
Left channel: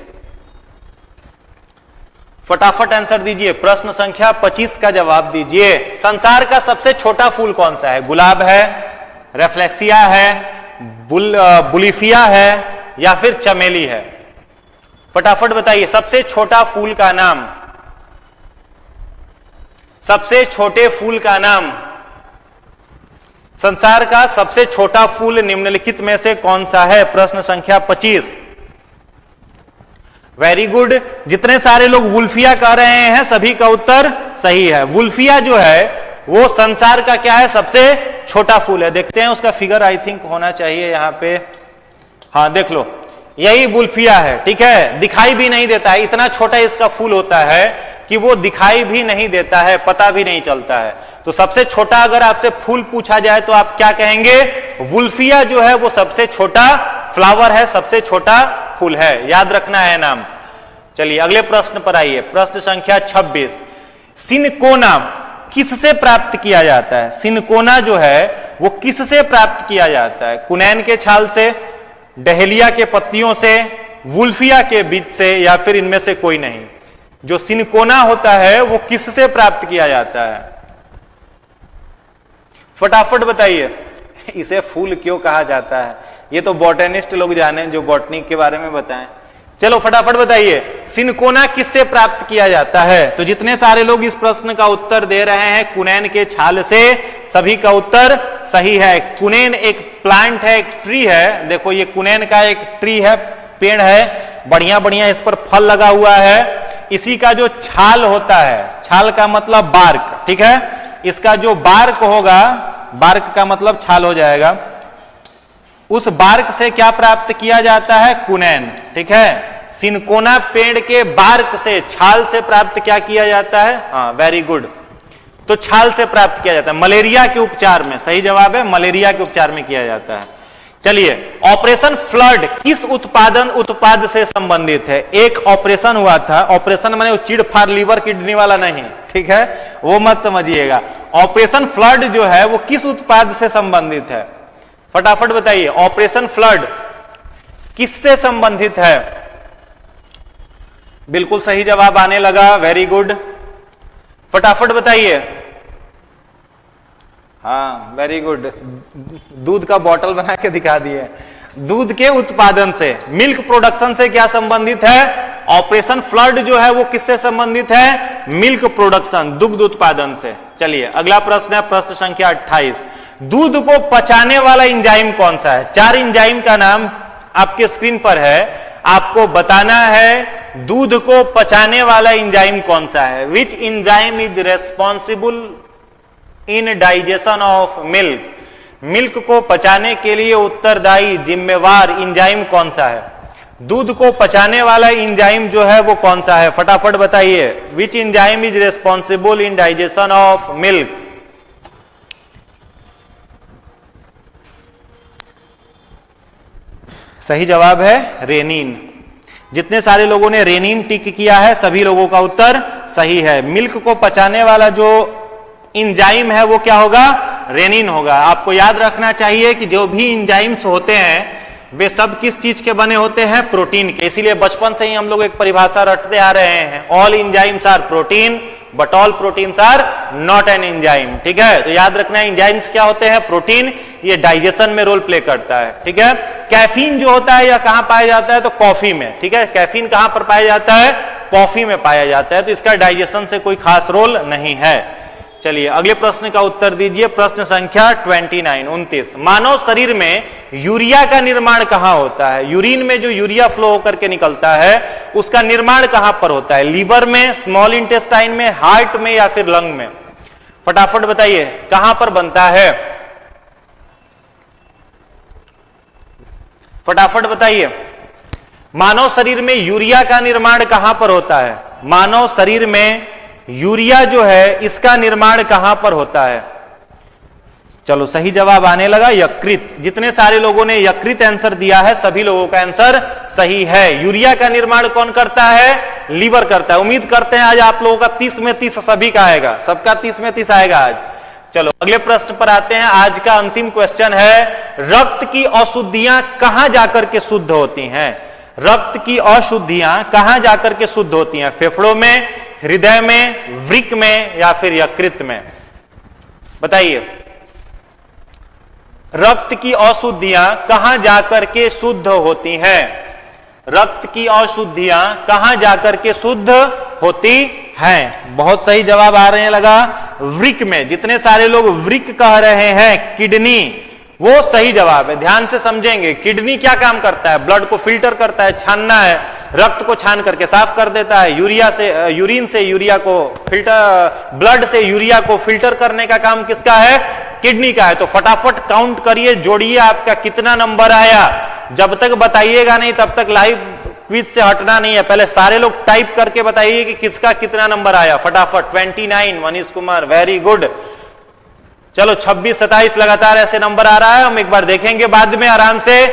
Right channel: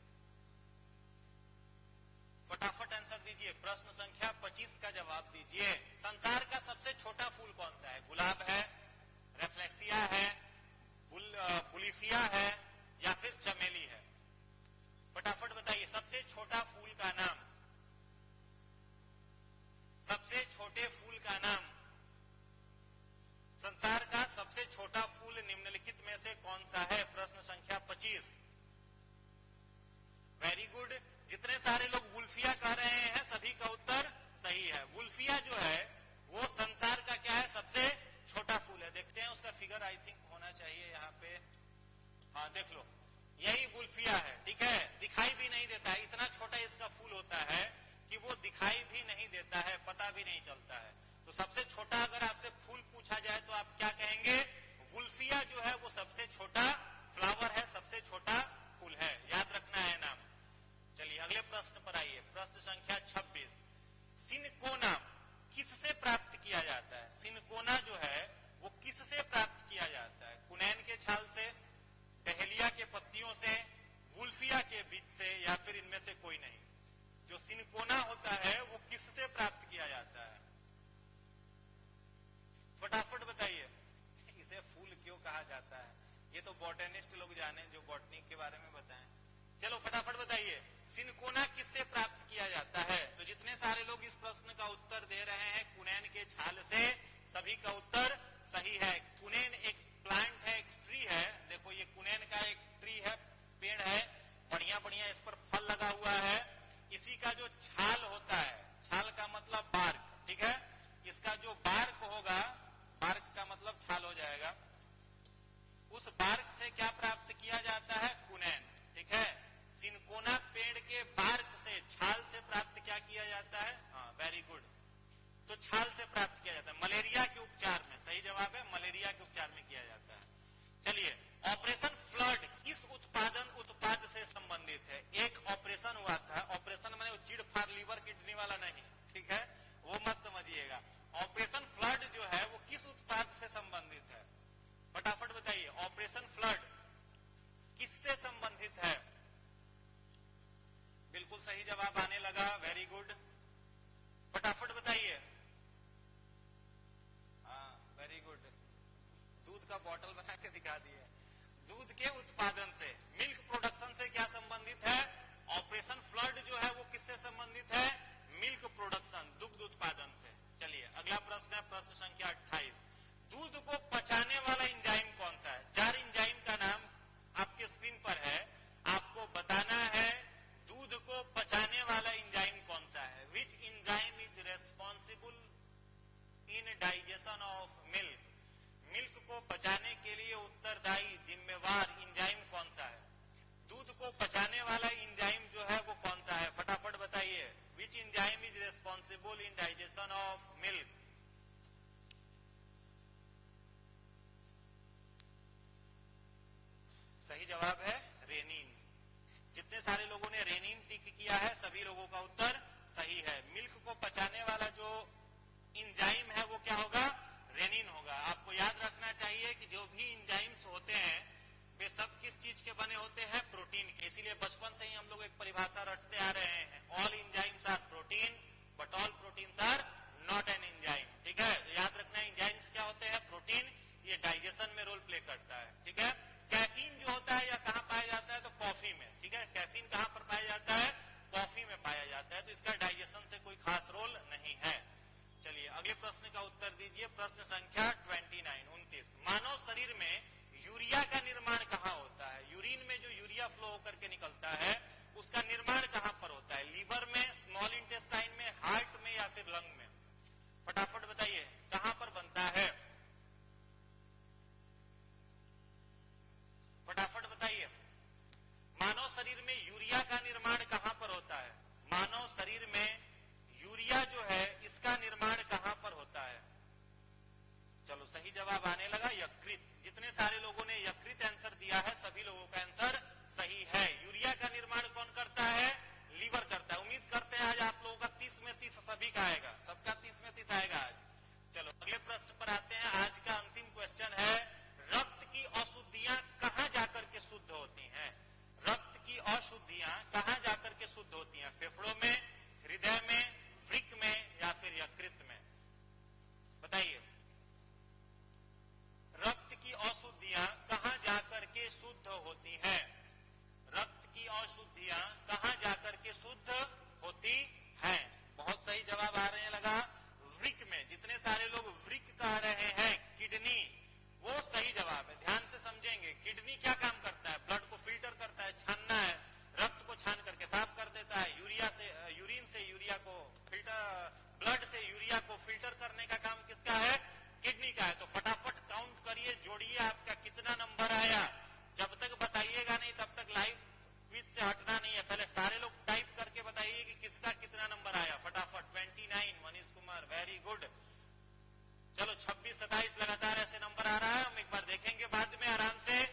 फटाफट आंसर दीजिए। प्रश्न संख्या 25 का जवाब दीजिए। संसार का सबसे छोटा फूल कौन सा है, गुलाब है, रेफ्लेक्सिया है, बुलिफिया है या फिर चमेली है, फटाफट बताइए। सबसे छोटा फूल का नाम, सबसे छोटे फूल का नाम। संसार का सबसे छोटा फूल निम्नलिखित में से कौन सा है, प्रश्न संख्या 25। वेरी गुड, जितने सारे लोग वुल्फिया कह रहे हैं सभी का उत्तर सही है। वुल्फिया जो है वो संसार का क्या है, सबसे छोटा फूल है। देखते हैं उसका फिगर, आई थिंक होना चाहिए यहां पे, हाँ देख लो, यही वुल्फिया है, ठीक है। दिखाई भी नहीं देता है, इतना छोटा इसका फूल होता है कि वो दिखाई भी नहीं देता है, पता भी नहीं चलता है। तो सबसे छोटा अगर आपसे फूल पूछा जाए तो आप क्या कहेंगे, वुल्फिया जो है वो सबसे छोटा फ्लावर है, सबसे छोटा फूल है, याद रखना है नाम। चलिए अगले प्रश्न पर आइए, प्रश्न संख्या 26। सिनकोना किससे प्राप्त किया जाता है, सिनकोना जो है वो किससे प्राप्त किया जाता है, कुनैन के छाल से, डहेलिया के पत्तियों से, वुल्फिया के बीज से या फिर इनमें से कोई नहीं। जो सिनकोना होता है वो किससे प्राप्त किया जाता है, फटाफट बताइए। इसे फूल क्यों कहा जाता है, ये तो बॉटनिस्ट लोग जाने जो बॉटनी के बारे में बताएं। चलो फटाफट बताइए, सिनकोना किससे प्राप्त किया जाता है। तो जितने सारे लोग इस प्रश्न का उत्तर दे रहे हैं कुनैन के छाल से, सभी का उत्तर सही है। कुनैन एक प्लांट है, एक ट्री है, देखो ये कुनैन का एक ट्री है, पेड़ है, बढ़िया बढ़िया इस पर फल लगा हुआ है। इसी का जो छाल होता है, छाल का मतलब बार्क, ठीक है, इसका जो बार्क होगा, बार्क का मतलब छाल हो जाएगा, उस बार्क से क्या प्राप्त किया जाता है? कुनैन, ठीक है। सिनकोना पेड़ के बार्क से, छाल से प्राप्त क्या किया जाता है? हाँ, वेरी गुड, तो छाल से प्राप्त किया जाता है मलेरिया के उपचार में। सही जवाब है, मलेरिया के उपचार में किया जाता है। चलिए, ऑपरेशन फ्लड किस उत्पाद से संबंधित है? एक ऑपरेशन हुआ था, ऑपरेशन माने चिड़ फाड़ लीवर किडनी वाला नहीं, ठीक है, वो मत समझिएगा। ऑपरेशन फ्लड जो है वो किस उत्पाद से संबंधित है? फटाफट बताइए, ऑपरेशन फ्लड किससे संबंधित है? बिल्कुल सही जवाब आने लगा, वेरी गुड, फटाफट बताइए। हाँ, वेरी गुड, दूध का बॉटल बना के दिखा दिए। दूध के उत्पादन से, मिल्क प्रोडक्शन से क्या संबंधित है? ऑपरेशन फ्लड जो है वो किससे संबंधित है? मिल्क प्रोडक्शन, दुग्ध उत्पादन से। चलिए, अगला प्रश्न है प्रश्न संख्या 28। दूध को पचाने वाला एंजाइम कौन सा है? 4 एंजाइम का नाम आपके स्क्रीन पर है, आपको बताना है दूध को पचाने वाला एंजाइम कौन सा है। Which enzyme is responsible in digestion of milk? Milk को पचाने के लिए उत्तरदायी जिम्मेवार एंजाइम कौन सा है? दूध को पचाने वाला एंजाइम जो है वो कौन सा है? फटाफट बताइए, which enzyme is responsible in digestion of milk? सही जवाब है रेनिन। जितने सारे लोगों ने रेनिन टिक किया है सभी लोगों का उत्तर सही है। मिल्क को पचाने वाला जो एंजाइम है वो क्या होगा? रेनिन होगा। आपको याद रखना चाहिए कि जो भी एंजाइम्स होते हैं वे सब किस चीज के बने होते हैं? प्रोटीन के। इसीलिए बचपन से ही हम लोग एक परिभाषा रटते आ रहे हैं, all enzymes are protein but all proteins are not an enzyme, ठीक है। तो याद रखना, एंजाइम्स क्या होते हैं? प्रोटीन, ये डाइजेशन में रोल प्ले करता है, ठीक है। कैफीन जो होता है या कहां पाया जाता है? तो कॉफी में, ठीक है। कैफीन कहां पर पाया जाता है? कॉफी में पाया जाता है, तो इसका डाइजेशन से कोई खास रोल नहीं है। चलिए, अगले प्रश्न का उत्तर दीजिए, प्रश्न संख्या 29। मानव शरीर में यूरिया का निर्माण कहां होता है? यूरिन में जो यूरिया फ्लो होकर के निकलता है उसका निर्माण कहां पर होता है? लीवर में, स्मॉल इंटेस्टाइन में, हार्ट में या फिर लंग में? फटाफट बताइए, कहां पर बनता है? फटाफट बताइए, मानव शरीर में यूरिया का निर्माण कहां पर होता है? मानव शरीर में यूरिया जो है इसका निर्माण कहां पर होता है? चलो, सही जवाब आने लगा यकृत। जितने सारे लोगों ने यकृत आंसर दिया है सभी लोगों का आंसर सही है। यूरिया का निर्माण कौन करता है? लीवर करता है। उम्मीद करते हैं आज आप लोगों का 30 में 30 सभी का आएगा, सबका 30 में 30 आएगा आज। चलो, अगले प्रश्न पर आते हैं। आज का अंतिम क्वेश्चन है, रक्त की अशुद्धियां कहां जाकर के शुद्ध होती हैं? रक्त की अशुद्धियां कहां जाकर के शुद्ध होती हैं? फेफड़ों में, हृदय में, वृक्क में या फिर यकृत में? बताइए, रक्त की अशुद्धियां कहां जाकर के शुद्ध होती हैं? रक्त की अशुद्धियां कहां जाकर के शुद्ध होती हैं? बहुत सही जवाब आ रहे हैं लगा, वृक्क में। जितने सारे लोग वृक्क कह रहे हैं, किडनी, वो सही जवाब है। ध्यान से समझेंगे, किडनी क्या काम करता है? ब्लड को फिल्टर करता है, छानना है, रक्त को छान करके साफ कर देता है। यूरिन से यूरिया को फिल्टर, ब्लड से यूरिया को फिल्टर करने का काम किसका है? किडनी का है। तो फटाफट काउंट करिए, जोड़िए, आपका कितना नंबर आया। जब तक बताइएगा नहीं तब तक लाइव क्विज से हटना नहीं है। पहले सारे लोग टाइप करके बताइए कि किसका कितना नंबर आया। फटाफट 29 मनीष कुमार, वेरी गुड। चलो, 26, 27 लगातार ऐसे नंबर आ रहा है, हम एक बार देखेंगे बाद में आराम से।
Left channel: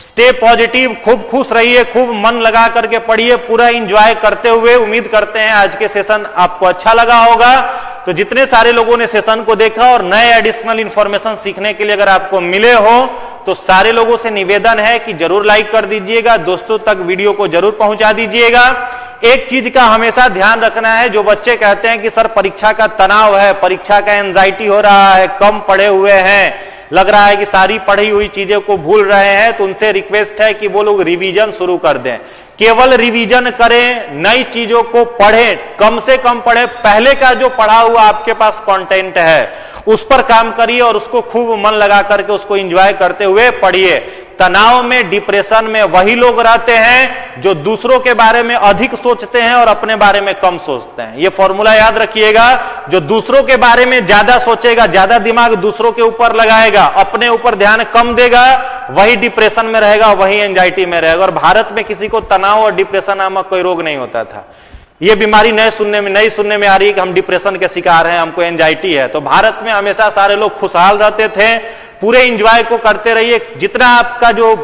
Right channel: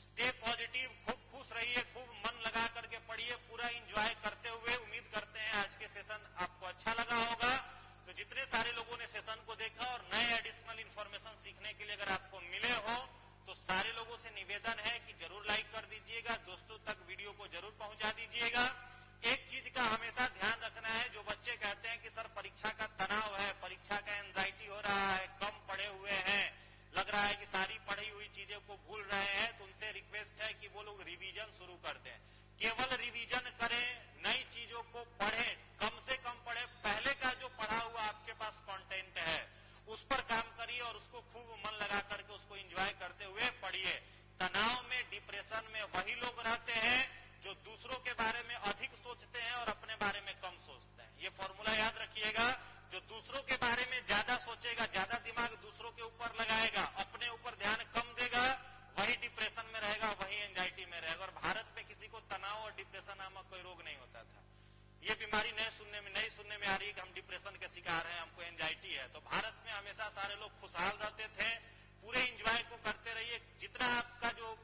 स्टे पॉजिटिव, खूब खुश रहिए, खूब मन लगा करके पढ़िए, पूरा एंजॉय करते हुए। उम्मीद करते हैं आज के सेशन आपको अच्छा लगा होगा। तो जितने सारे लोगों ने सेशन को देखा और नए एडिशनल इंफॉर्मेशन सीखने के लिए अगर आपको मिले हो तो सारे लोगों से निवेदन है कि जरूर लाइक कर दीजिएगा, दोस्तों तक वीडियो को जरूर पहुंचा दीजिएगा। एक चीज का हमेशा ध्यान रखना है, जो बच्चे कहते हैं कि सर परीक्षा का तनाव है, परीक्षा का एंजाइटी हो रहा है, कम पढ़े हुए हैं, लग रहा है कि सारी पढ़ी हुई चीजें को भूल रहे हैं, तो उनसे रिक्वेस्ट है कि वो लोग रिवीजन शुरू कर दें। केवल रिवीजन करें, नई चीजों को पढ़ें, कम से कम पढ़ें। पहले का जो पढ़ा हुआ आपके पास कंटेंट है उस पर काम करिए और उसको खूब मन लगा करके उसको एंजॉय करते हुए पढ़िए। तनाव में, डिप्रेशन में वही लोग रहते हैं जो दूसरों के बारे में अधिक सोचते हैं और अपने बारे में कम सोचते हैं। यह फॉर्मूला याद रखिएगा, जो दूसरों के बारे में ज्यादा सोचेगा, ज्यादा दिमाग दूसरों के ऊपर लगाएगा, अपने ऊपर ध्यान कम देगा, वही डिप्रेशन में रहेगा, वही एंजाइटी में रहेगा। और भारत में किसी को तनाव और डिप्रेशन नामक कोई रोग नहीं होता था। यह बीमारी नई सुनने में आ रही है कि हम डिप्रेशन के शिकार हैं, हमको एंजाइटी है। तो भारत में हमेशा सारे लोग खुशहाल रहते थे। पूरे एंजॉय को करते रहिए। जितना आपका जो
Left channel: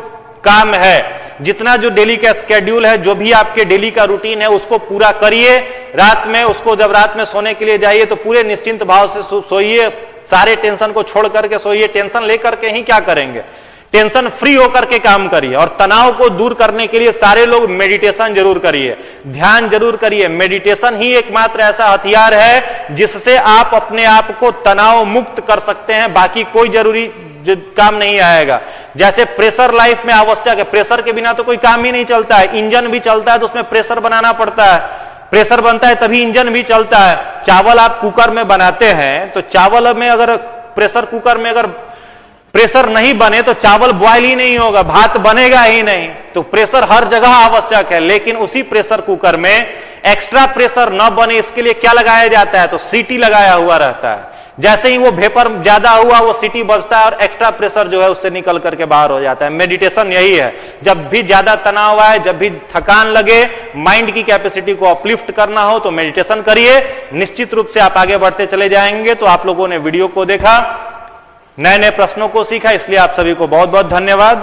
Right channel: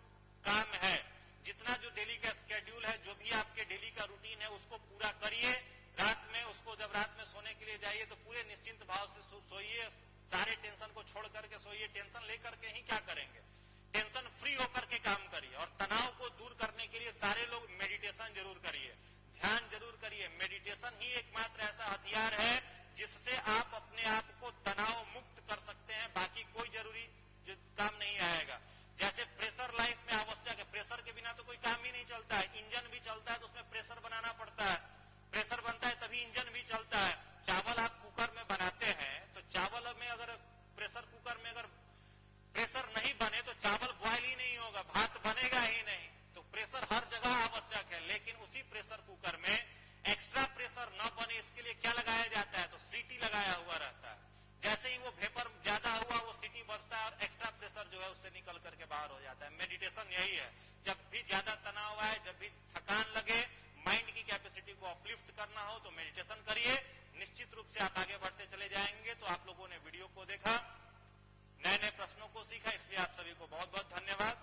काम है, जितना जो डेली का स्केड्यूल है, जो भी आपके डेली का रूटीन है, उसको पूरा करिए। रात में उसको जब रात में सोने के लिए जाइए तो पूरे निश्चिंत भाव से सोइए। सारे टेंशन को छोड़ करके सोइए। टेंशन लेकर के ही क्या करेंगे, टेंशन फ्री होकर के काम करिए। और तनाव को दूर करने के लिए सारे लोग मेडिटेशन जरूर करिए, ध्यान जरूर करिए। मेडिटेशन ही एकमात्र ऐसा हथियार है जिससे आप अपने आप को तनाव मुक्त कर सकते हैं। बाकी कोई जरूरी काम नहीं आएगा। जैसे प्रेशर लाइफ में आवश्यक है, प्रेशर के बिना तो कोई काम ही नहीं चलता है। इंजन भी चलता है तो उसमें प्रेशर बनाना पड़ता है, प्रेशर बनता है तभी इंजन भी चलता है। चावल आप कुकर में बनाते हैं तो चावल में अगर प्रेशर कुकर में अगर प्रेशर नहीं बने तो चावल बॉयल ही नहीं होगा, भात बनेगा ही नहीं। तो प्रेशर हर जगह आवश्यक है, लेकिन उसी प्रेशर कुकर में एक्स्ट्रा प्रेशर न बने इसके लिए क्या लगाया जाता है, तो सीटी लगाया हुआ रहता है। जैसे ही वो वेपर ज्यादा हुआ वो सीटी बजता है और एक्स्ट्रा प्रेशर जो है उससे निकल करके बाहर हो जाता है। मेडिटेशन यही है। जब भी ज्यादा तनाव आए, जब भी थकान लगे, माइंड की कैपेसिटी को अपलिफ्ट करना हो तो मेडिटेशन करिए। निश्चित रूप से आप आगे बढ़ते चले जाएंगे। तो आप लोगों ने वीडियो को देखा, नए नए प्रश्नों को सीखा, इसलिए आप सभी को बहुत बहुत धन्यवाद।